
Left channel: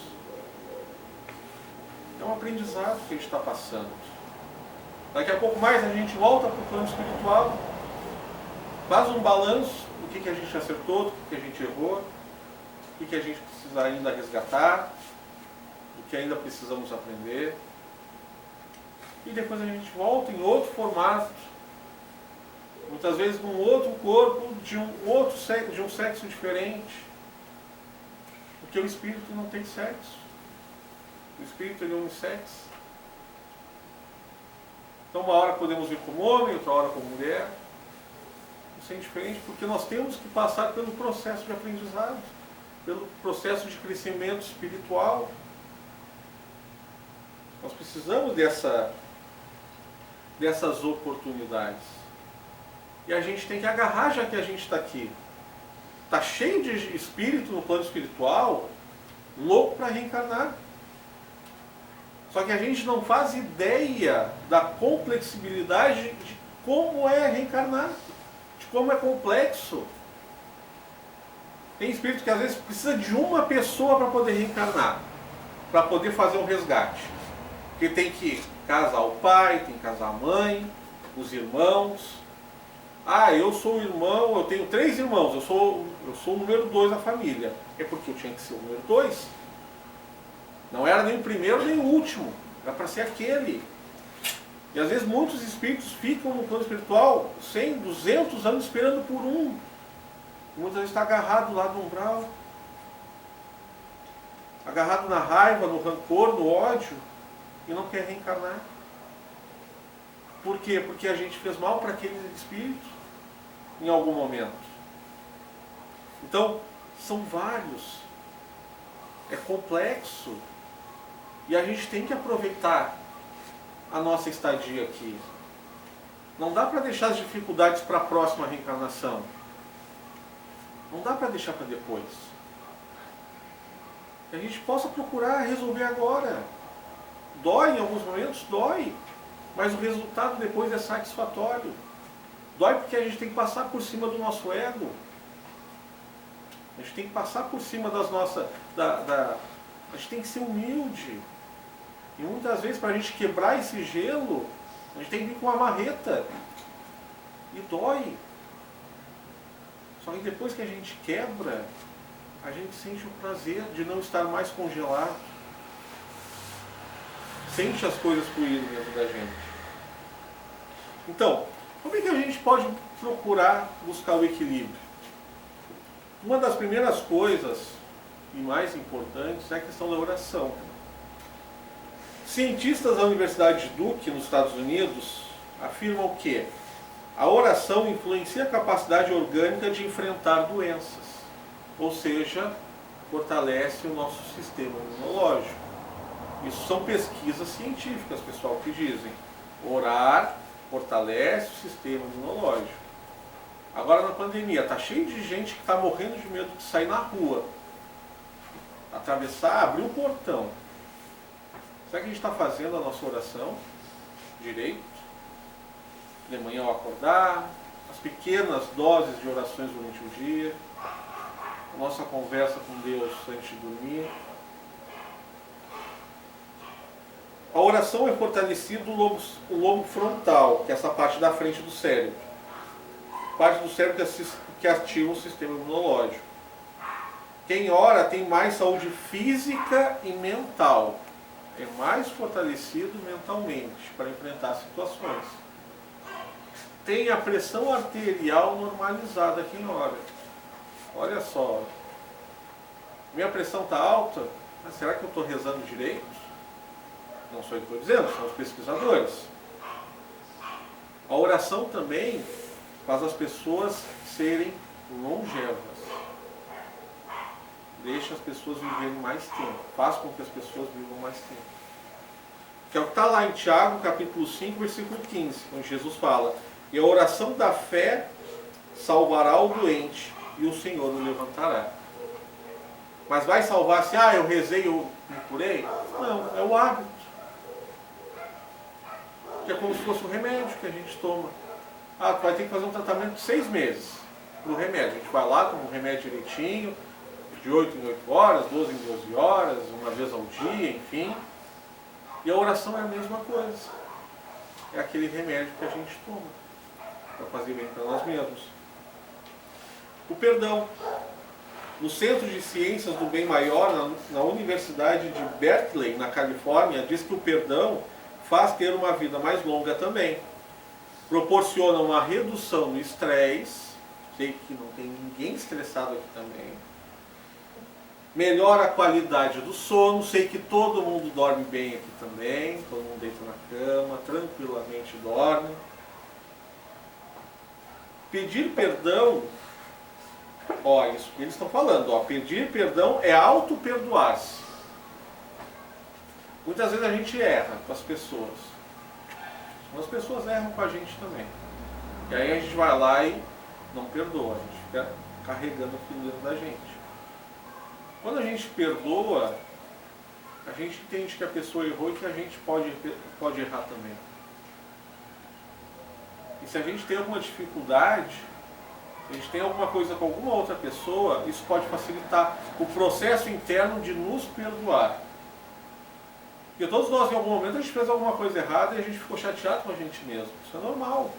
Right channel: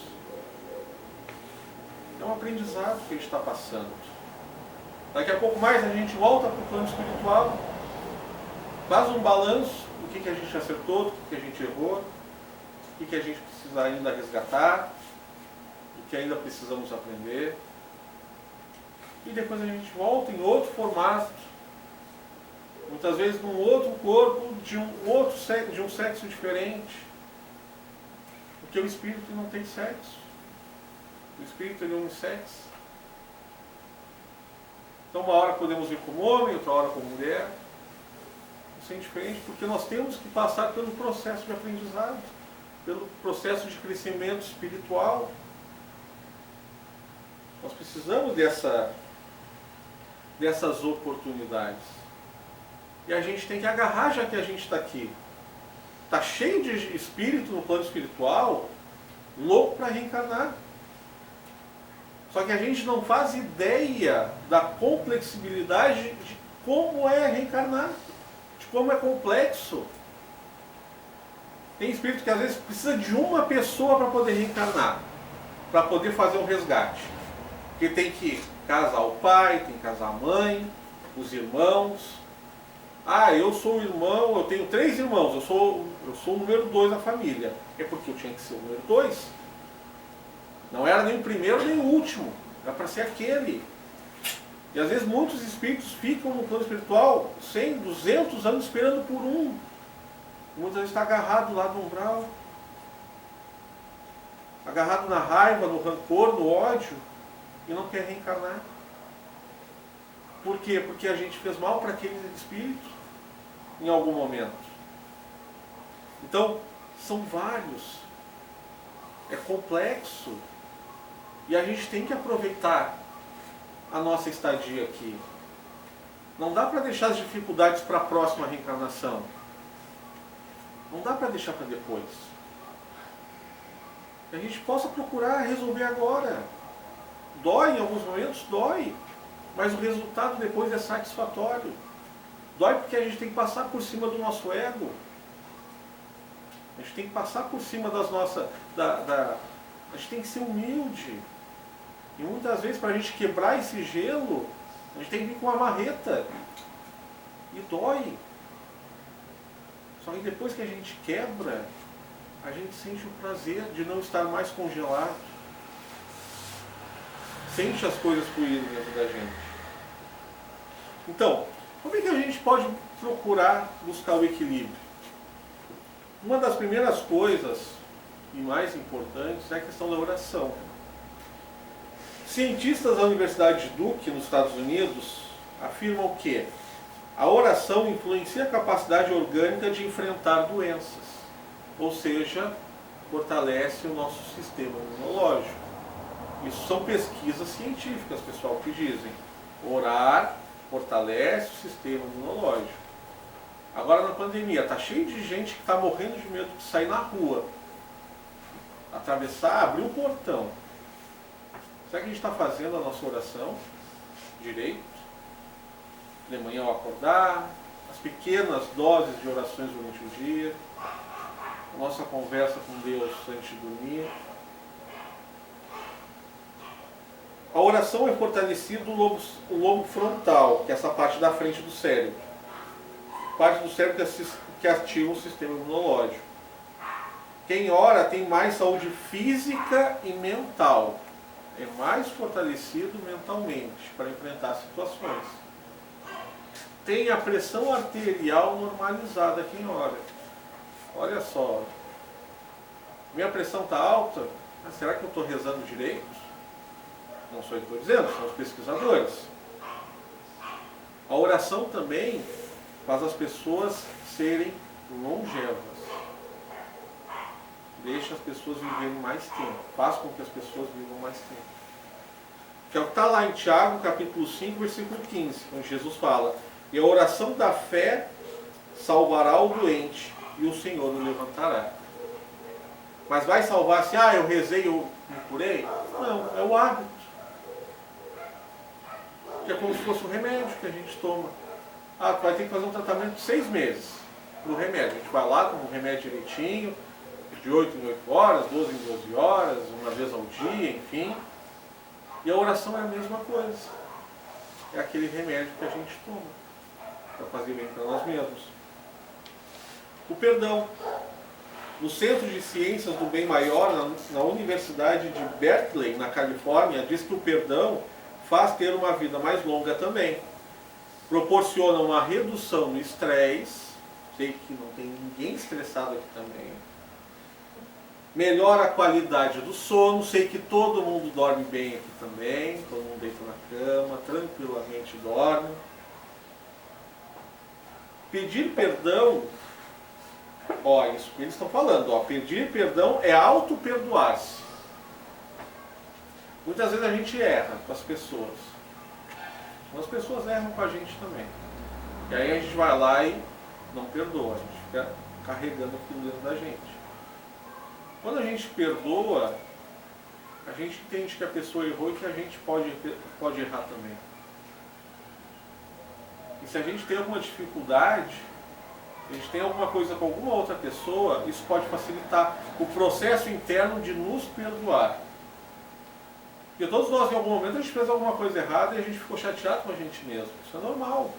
É um aprendizado que a gente está passando. Daqui a pouco mais a gente volta para o plano espiritual, faz um balanço do que a gente acertou, do que a gente errou, do que a gente precisa ainda resgatar, do que ainda precisamos aprender. E depois a gente volta em outro formato, muitas vezes num outro corpo, de um sexo diferente. Porque o espírito não tem sexo. O espírito ele é unissex. Então uma hora podemos vir como homem, outra hora como mulher. Isso é indiferente porque nós temos que passar pelo processo de aprendizado, pelo processo de crescimento espiritual. Nós precisamos dessas oportunidades. E a gente tem que agarrar, já que a gente está aqui. Está cheio de espírito no plano espiritual, louco para reencarnar. Só que a gente não faz ideia da complexibilidade de como é reencarnar, de como é complexo. Tem espírito que às vezes precisa de uma pessoa para poder reencarnar, para poder fazer um resgate. Porque tem que casar o pai, tem que casar a mãe, os irmãos. Ah, eu sou o irmão, eu tenho 3 irmãos, eu sou o número 2 da família. É porque eu tinha que ser o número 2. Não era nem o primeiro nem o último, era para ser aquele. E às vezes muitos espíritos ficam no plano espiritual 100, 200 anos esperando por um. Muitas vezes está agarrado lá no umbral, agarrado na raiva, no rancor, no ódio, e não quer reencarnar. Por quê? Porque a gente fez mal para aquele espírito em algum momento. Então, são vários. É complexo. E a gente tem que aproveitar a nossa estadia aqui. Não dá para deixar as dificuldades para a próxima reencarnação. Não dá para deixar para depois. Que a gente possa procurar resolver agora. Dói em alguns momentos? Dói. Mas o resultado depois é satisfatório. Dói porque a gente tem que passar por cima do nosso ego. A gente tem que passar por cima das nossas... A gente tem que ser humilde. E muitas vezes, para a gente quebrar esse gelo, a gente tem que vir com uma marreta. E dói. Só que depois que a gente quebra, a gente sente o prazer de não estar mais congelado. Sente as coisas fluírem dentro da gente. Então, como é que a gente pode procurar buscar o equilíbrio? Uma das primeiras coisas e mais importantes é a questão da oração. Cientistas da Universidade de Duke, nos Estados Unidos, afirmam que a oração influencia a capacidade orgânica de enfrentar doenças, ou seja, fortalece o nosso sistema imunológico. Isso são pesquisas científicas, pessoal, que dizem. Orar fortalece o sistema imunológico. Agora, na pandemia, está cheio de gente que está morrendo de medo de sair na rua, atravessar, abrir o portão. Será que a gente está fazendo a nossa oração direito? De manhã ao acordar, as pequenas doses de orações durante o dia, a nossa conversa com Deus antes de dormir. A oração é fortalecida o lobo frontal, que é essa parte da frente do cérebro. Parte do cérebro que ativa o sistema imunológico. Quem ora tem mais saúde física e mental. É mais fortalecido mentalmente para enfrentar situações. Tem a pressão arterial normalizada quem ora. Olha só. Minha pressão está alta, mas será que eu estou rezando direito? Não sou eu que estou dizendo, são os pesquisadores. A oração também faz as pessoas serem longevas. Deixa as pessoas viverem mais tempo. Faz com que as pessoas vivam mais tempo. Que é o que está lá em Tiago, capítulo 5, versículo 15, onde Jesus fala: e a oração da fé salvará o doente, e o Senhor o levantará. Mas vai salvar assim, eu rezei, eu me curei? Não, é o hábito. Que é como se fosse um remédio que a gente toma. Tu vai ter que fazer um tratamento de 6 meses para o remédio. A gente vai lá, toma um remédio direitinho, de 8 em 8 horas, 12 em 12 horas, uma vez ao dia, enfim. E a oração é a mesma coisa. É aquele remédio que a gente toma para fazer bem para nós mesmos. O perdão. No Centro de Ciências do Bem Maior, na Universidade de Berkeley, na Califórnia, diz que o perdão faz ter uma vida mais longa também. Proporciona uma redução no estresse. Sei que não tem ninguém estressado aqui também. Melhora a qualidade do sono. Sei que todo mundo dorme bem aqui também. Todo mundo deita na cama, tranquilamente dorme. Pedir perdão, isso que eles estão falando, pedir perdão é auto-perdoar-se. Muitas vezes a gente erra com as pessoas. As pessoas erram com a gente também. E aí a gente vai lá e não perdoa, a gente fica carregando aquilo dentro da gente. Quando a gente perdoa, a gente entende que a pessoa errou e que a gente pode errar também. E se a gente tem alguma dificuldade, se a gente tem alguma coisa com alguma outra pessoa, isso pode facilitar o processo interno de nos perdoar. Porque todos nós, em algum momento, a gente fez alguma coisa errada e a gente ficou chateado com a gente mesmo. Isso é normal.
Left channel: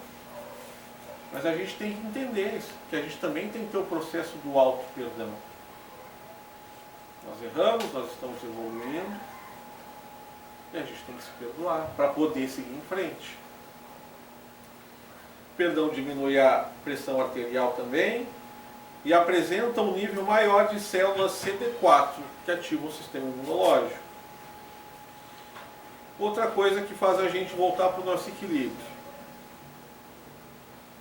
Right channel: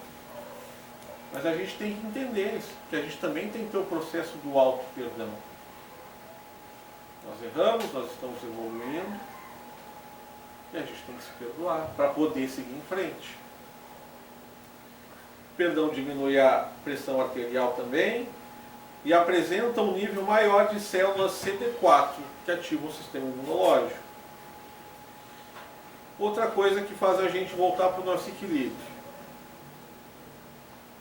Mas a gente tem que entender isso, que a gente também tem que ter o processo do auto-perdão. Nós erramos, nós estamos evoluindo, e a gente tem que se perdoar para poder seguir em frente. O perdão diminui a pressão arterial também e apresenta um nível maior de células CD4, que ativam o sistema imunológico. Outra coisa que faz a gente voltar para o nosso equilíbrio.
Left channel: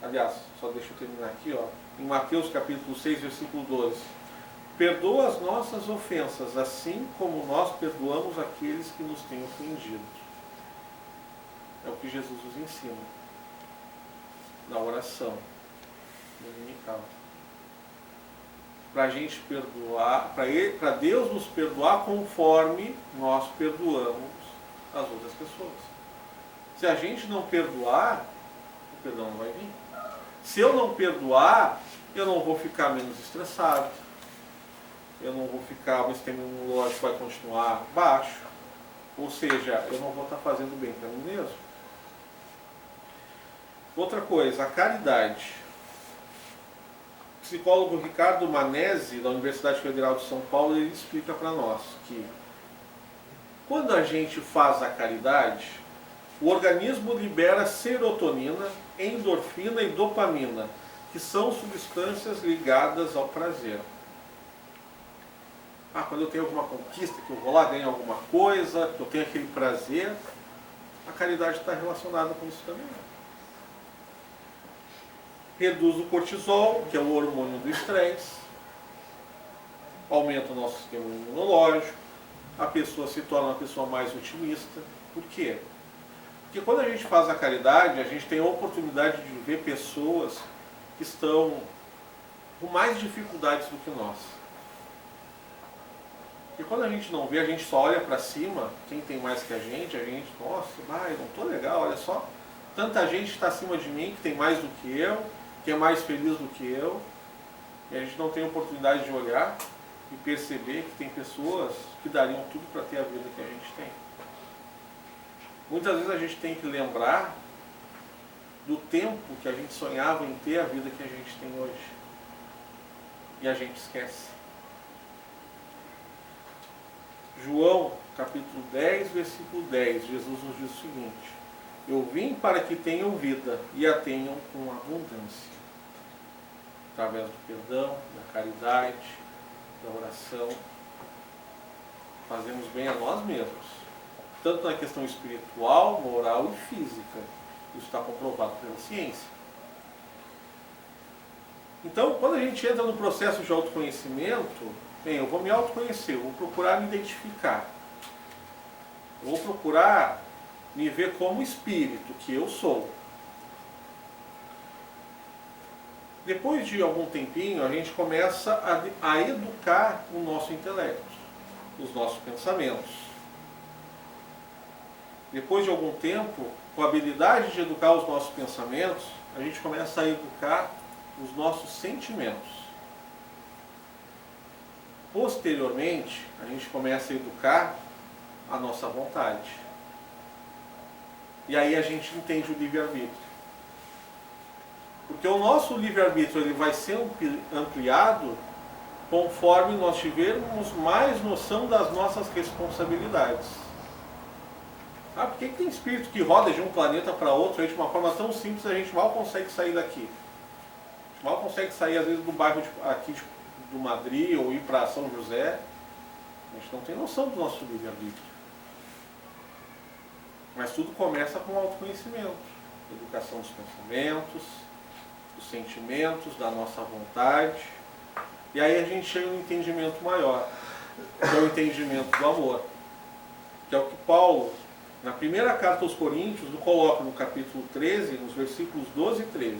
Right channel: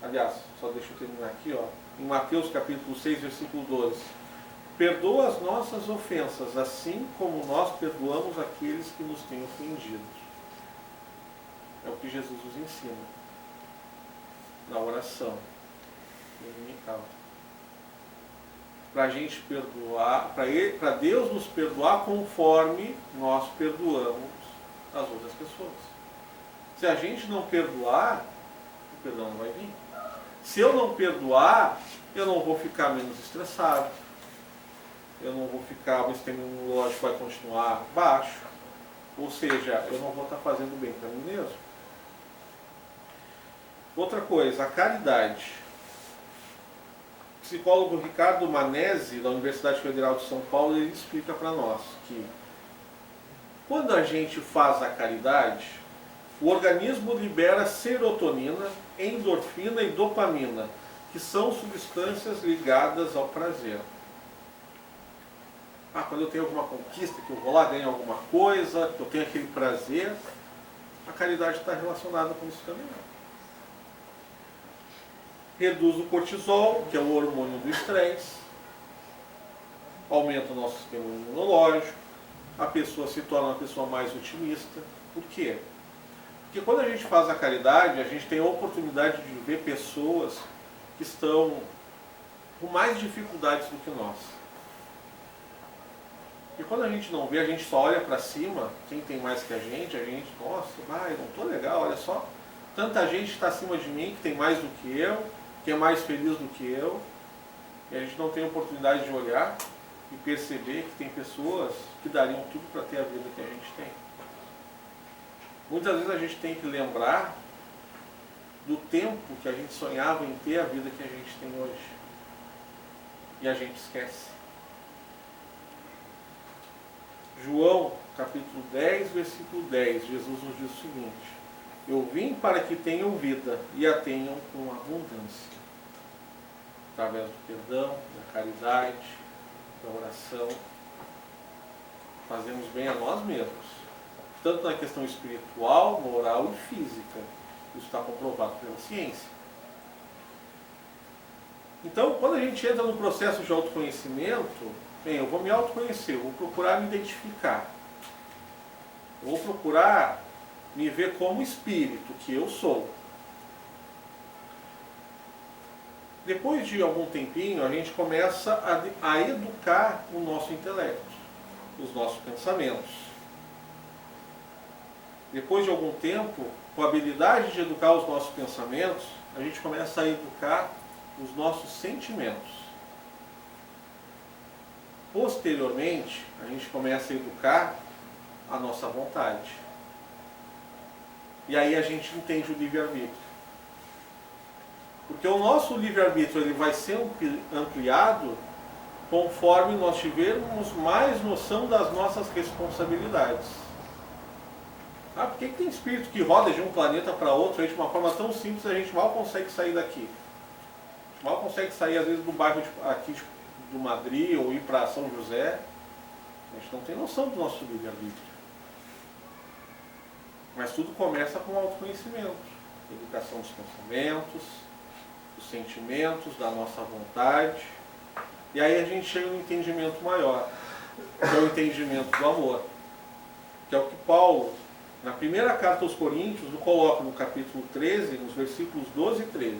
Aliás, só deixa eu terminar aqui, em Mateus capítulo 6, versículo 12. Perdoa as nossas ofensas, assim como nós perdoamos aqueles que nos têm ofendido. É o que Jesus nos ensina na oração dominical. Para a gente perdoar, para Deus nos perdoar conforme nós perdoamos as outras pessoas. Se a gente não perdoar, o perdão não vai vir. Se eu não perdoar, eu não vou ficar menos estressado, eu não vou ficar, o sistema imunológico vai continuar baixo, ou seja, eu não vou estar fazendo bem para mim mesmo. Outra coisa, a caridade. O psicólogo Ricardo Manesi, da Universidade Federal de São Paulo, ele explica para nós que quando a gente faz a caridade, o organismo libera serotonina, endorfina e dopamina, que são substâncias ligadas ao prazer. Quando eu tenho alguma conquista, que eu vou lá ganhar alguma coisa, que eu tenho aquele prazer, a caridade está relacionada com isso também. Reduz o cortisol, que é o hormônio do estresse, aumenta o nosso sistema imunológico, a pessoa se torna uma pessoa mais otimista. Por quê? Porque quando a gente faz a caridade, a gente tem a oportunidade de ver pessoas que estão com mais dificuldades do que nós. E quando a gente não vê, a gente só olha para cima, quem tem mais que a gente, nossa, eu não estou legal, olha só, tanta gente está acima de mim, que tem mais do que eu, que é mais feliz do que eu, e a gente não tem a oportunidade de olhar e perceber que tem pessoas que dariam tudo para ter a vida que a gente tem. Muitas vezes a gente tem que lembrar do tempo que a gente sonhava em ter a vida que a gente tem hoje. E a gente esquece. João, capítulo 10, versículo 10, Jesus nos diz o seguinte: eu vim para que tenham vida e a tenham com abundância. Através do perdão, da caridade, da oração, fazemos bem a nós mesmos. Tanto na questão espiritual, moral e física. Isso está comprovado pela ciência. Então, quando a gente entra no processo de autoconhecimento, bem, eu vou me autoconhecer, eu vou procurar me identificar. Eu vou procurar me ver como espírito que eu sou. Depois de algum tempinho, a gente começa a educar o nosso intelecto, os nossos pensamentos. Depois de algum tempo, com a habilidade de educar os nossos pensamentos, a gente começa a educar os nossos sentimentos. Posteriormente, a gente começa a educar a nossa vontade. E aí a gente entende o livre-arbítrio. Porque o nosso livre-arbítrio ele vai ser ampliado conforme nós tivermos mais noção das nossas responsabilidades. Por que tem espírito que roda de um planeta para outro aí de uma forma tão simples, a gente mal consegue sair daqui? A gente mal consegue sair, às vezes, do bairro aqui do Madrid ou ir para São José. A gente não tem noção do nosso livre-arbítrio. Mas tudo começa com o autoconhecimento, educação dos pensamentos, dos sentimentos, da nossa vontade. E aí a gente chega no entendimento maior, que é o entendimento do amor. Que é o que Paulo, na primeira carta aos Coríntios, coloca no capítulo 13, nos versículos 12 e 13.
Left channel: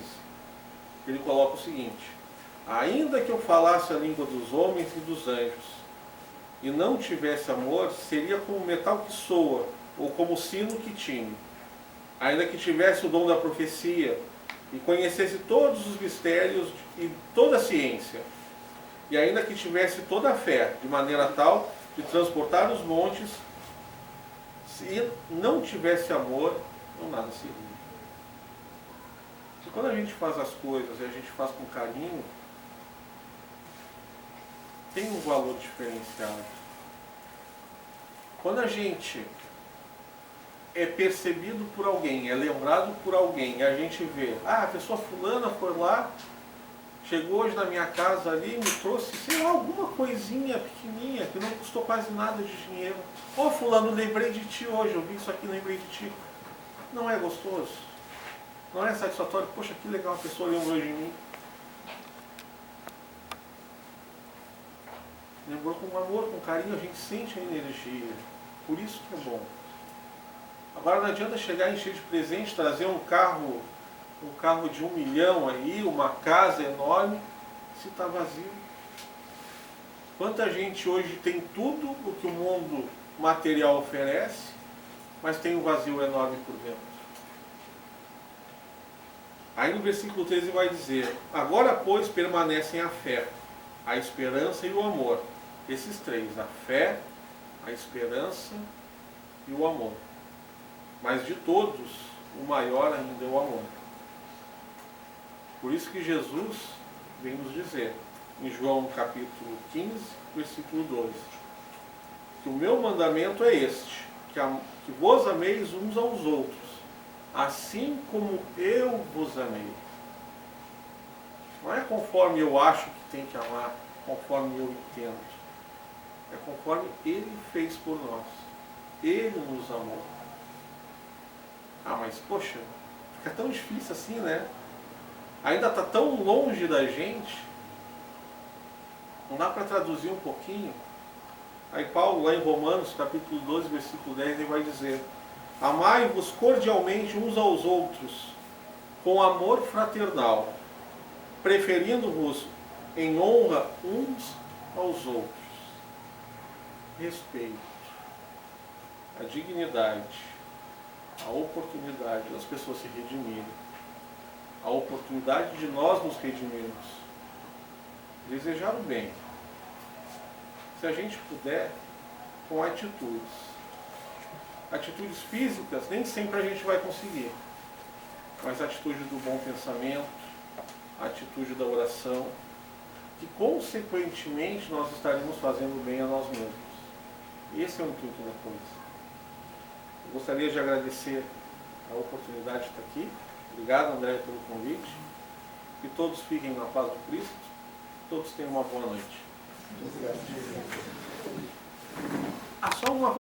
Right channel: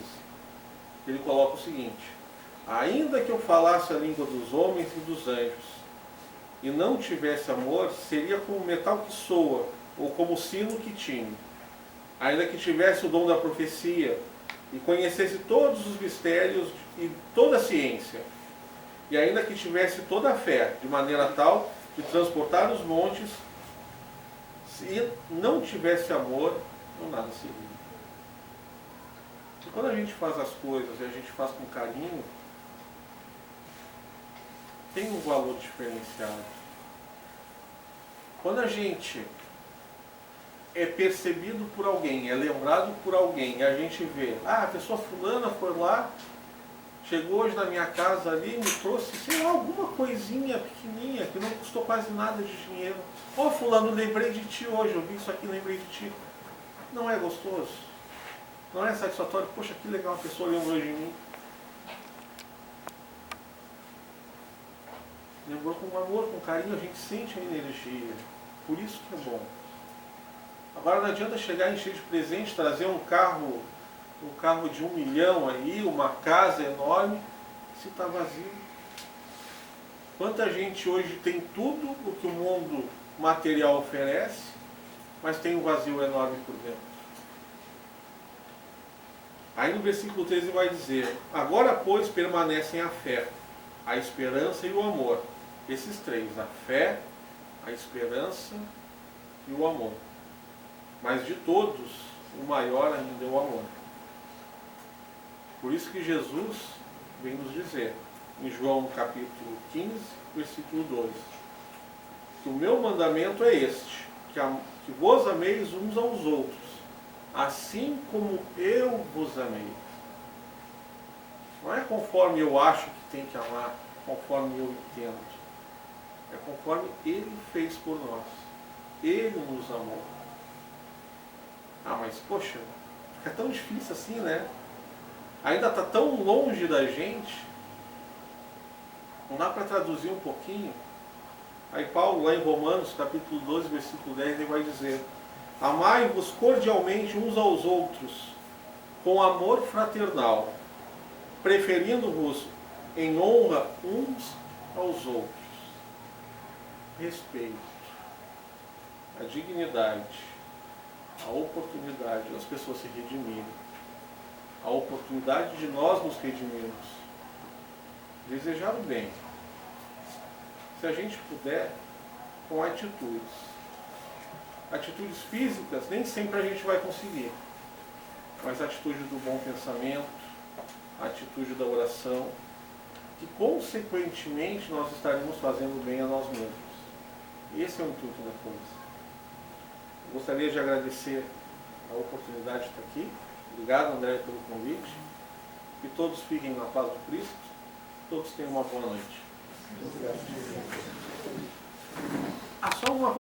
Ele coloca o seguinte: ainda que eu falasse a língua dos homens e dos anjos, e não tivesse amor, seria como metal que soa, ou como sino que tine. Ainda que tivesse o dom da profecia, e conhecesse todos os mistérios e toda a ciência, e ainda que tivesse toda a fé, de maneira tal de transportar os montes, se não tivesse amor, não nada seria. E quando a gente faz as coisas e a gente faz com carinho, tem um valor diferenciado. Quando a gente é percebido por alguém, é lembrado por alguém, e a gente vê, a pessoa fulana foi lá, chegou hoje na minha casa ali, me trouxe, sei lá, alguma coisinha pequenininha, que não custou quase nada de dinheiro. Fulano, lembrei de ti hoje, eu vi isso aqui, lembrei de ti. Não é gostoso? Não é satisfatório? Poxa, que legal, a pessoa lembrou de mim. Lembrou com amor, com carinho, a gente sente a energia. Por isso que é bom. Agora não adianta chegar e encher de presente, trazer um carro de 1 milhão aí, uma casa enorme, se está vazio. Quanta gente hoje tem tudo o que o mundo material oferece, mas tem um vazio enorme por dentro. Aí no versículo 13 vai dizer: agora, pois, permanecem a fé, a esperança e o amor. Esses três, a fé, a esperança e o amor. Mas de todos, o maior ainda é o amor. Por isso que Jesus vem nos dizer, em João capítulo 15, versículo 12, que o meu mandamento é este, que vos ameis uns aos outros, assim como eu vos amei. Não é conforme eu acho que tem que amar, conforme eu entendo. É conforme Ele fez por nós. Ele nos amou. Mas poxa, fica tão difícil assim, né? Ainda está tão longe da gente. Não dá para traduzir um pouquinho? Aí Paulo, lá em Romanos, capítulo 12, versículo 10, ele vai dizer: amai-vos cordialmente uns aos outros, com amor fraternal, preferindo-vos em honra uns aos outros. Respeito, a dignidade, a oportunidade das pessoas se redimirem, a oportunidade de nós nos redimirmos, desejar o bem, se a gente puder, com atitudes. Atitudes físicas, nem sempre a gente vai conseguir, mas a atitude do bom pensamento, a atitude da oração, que consequentemente nós estaremos fazendo bem a nós mesmos. Esse é o intuito da coisa. Eu gostaria de agradecer a oportunidade de estar aqui. Obrigado, André, pelo convite. Que todos fiquem na paz do Cristo. Todos tenham uma boa noite. Só uma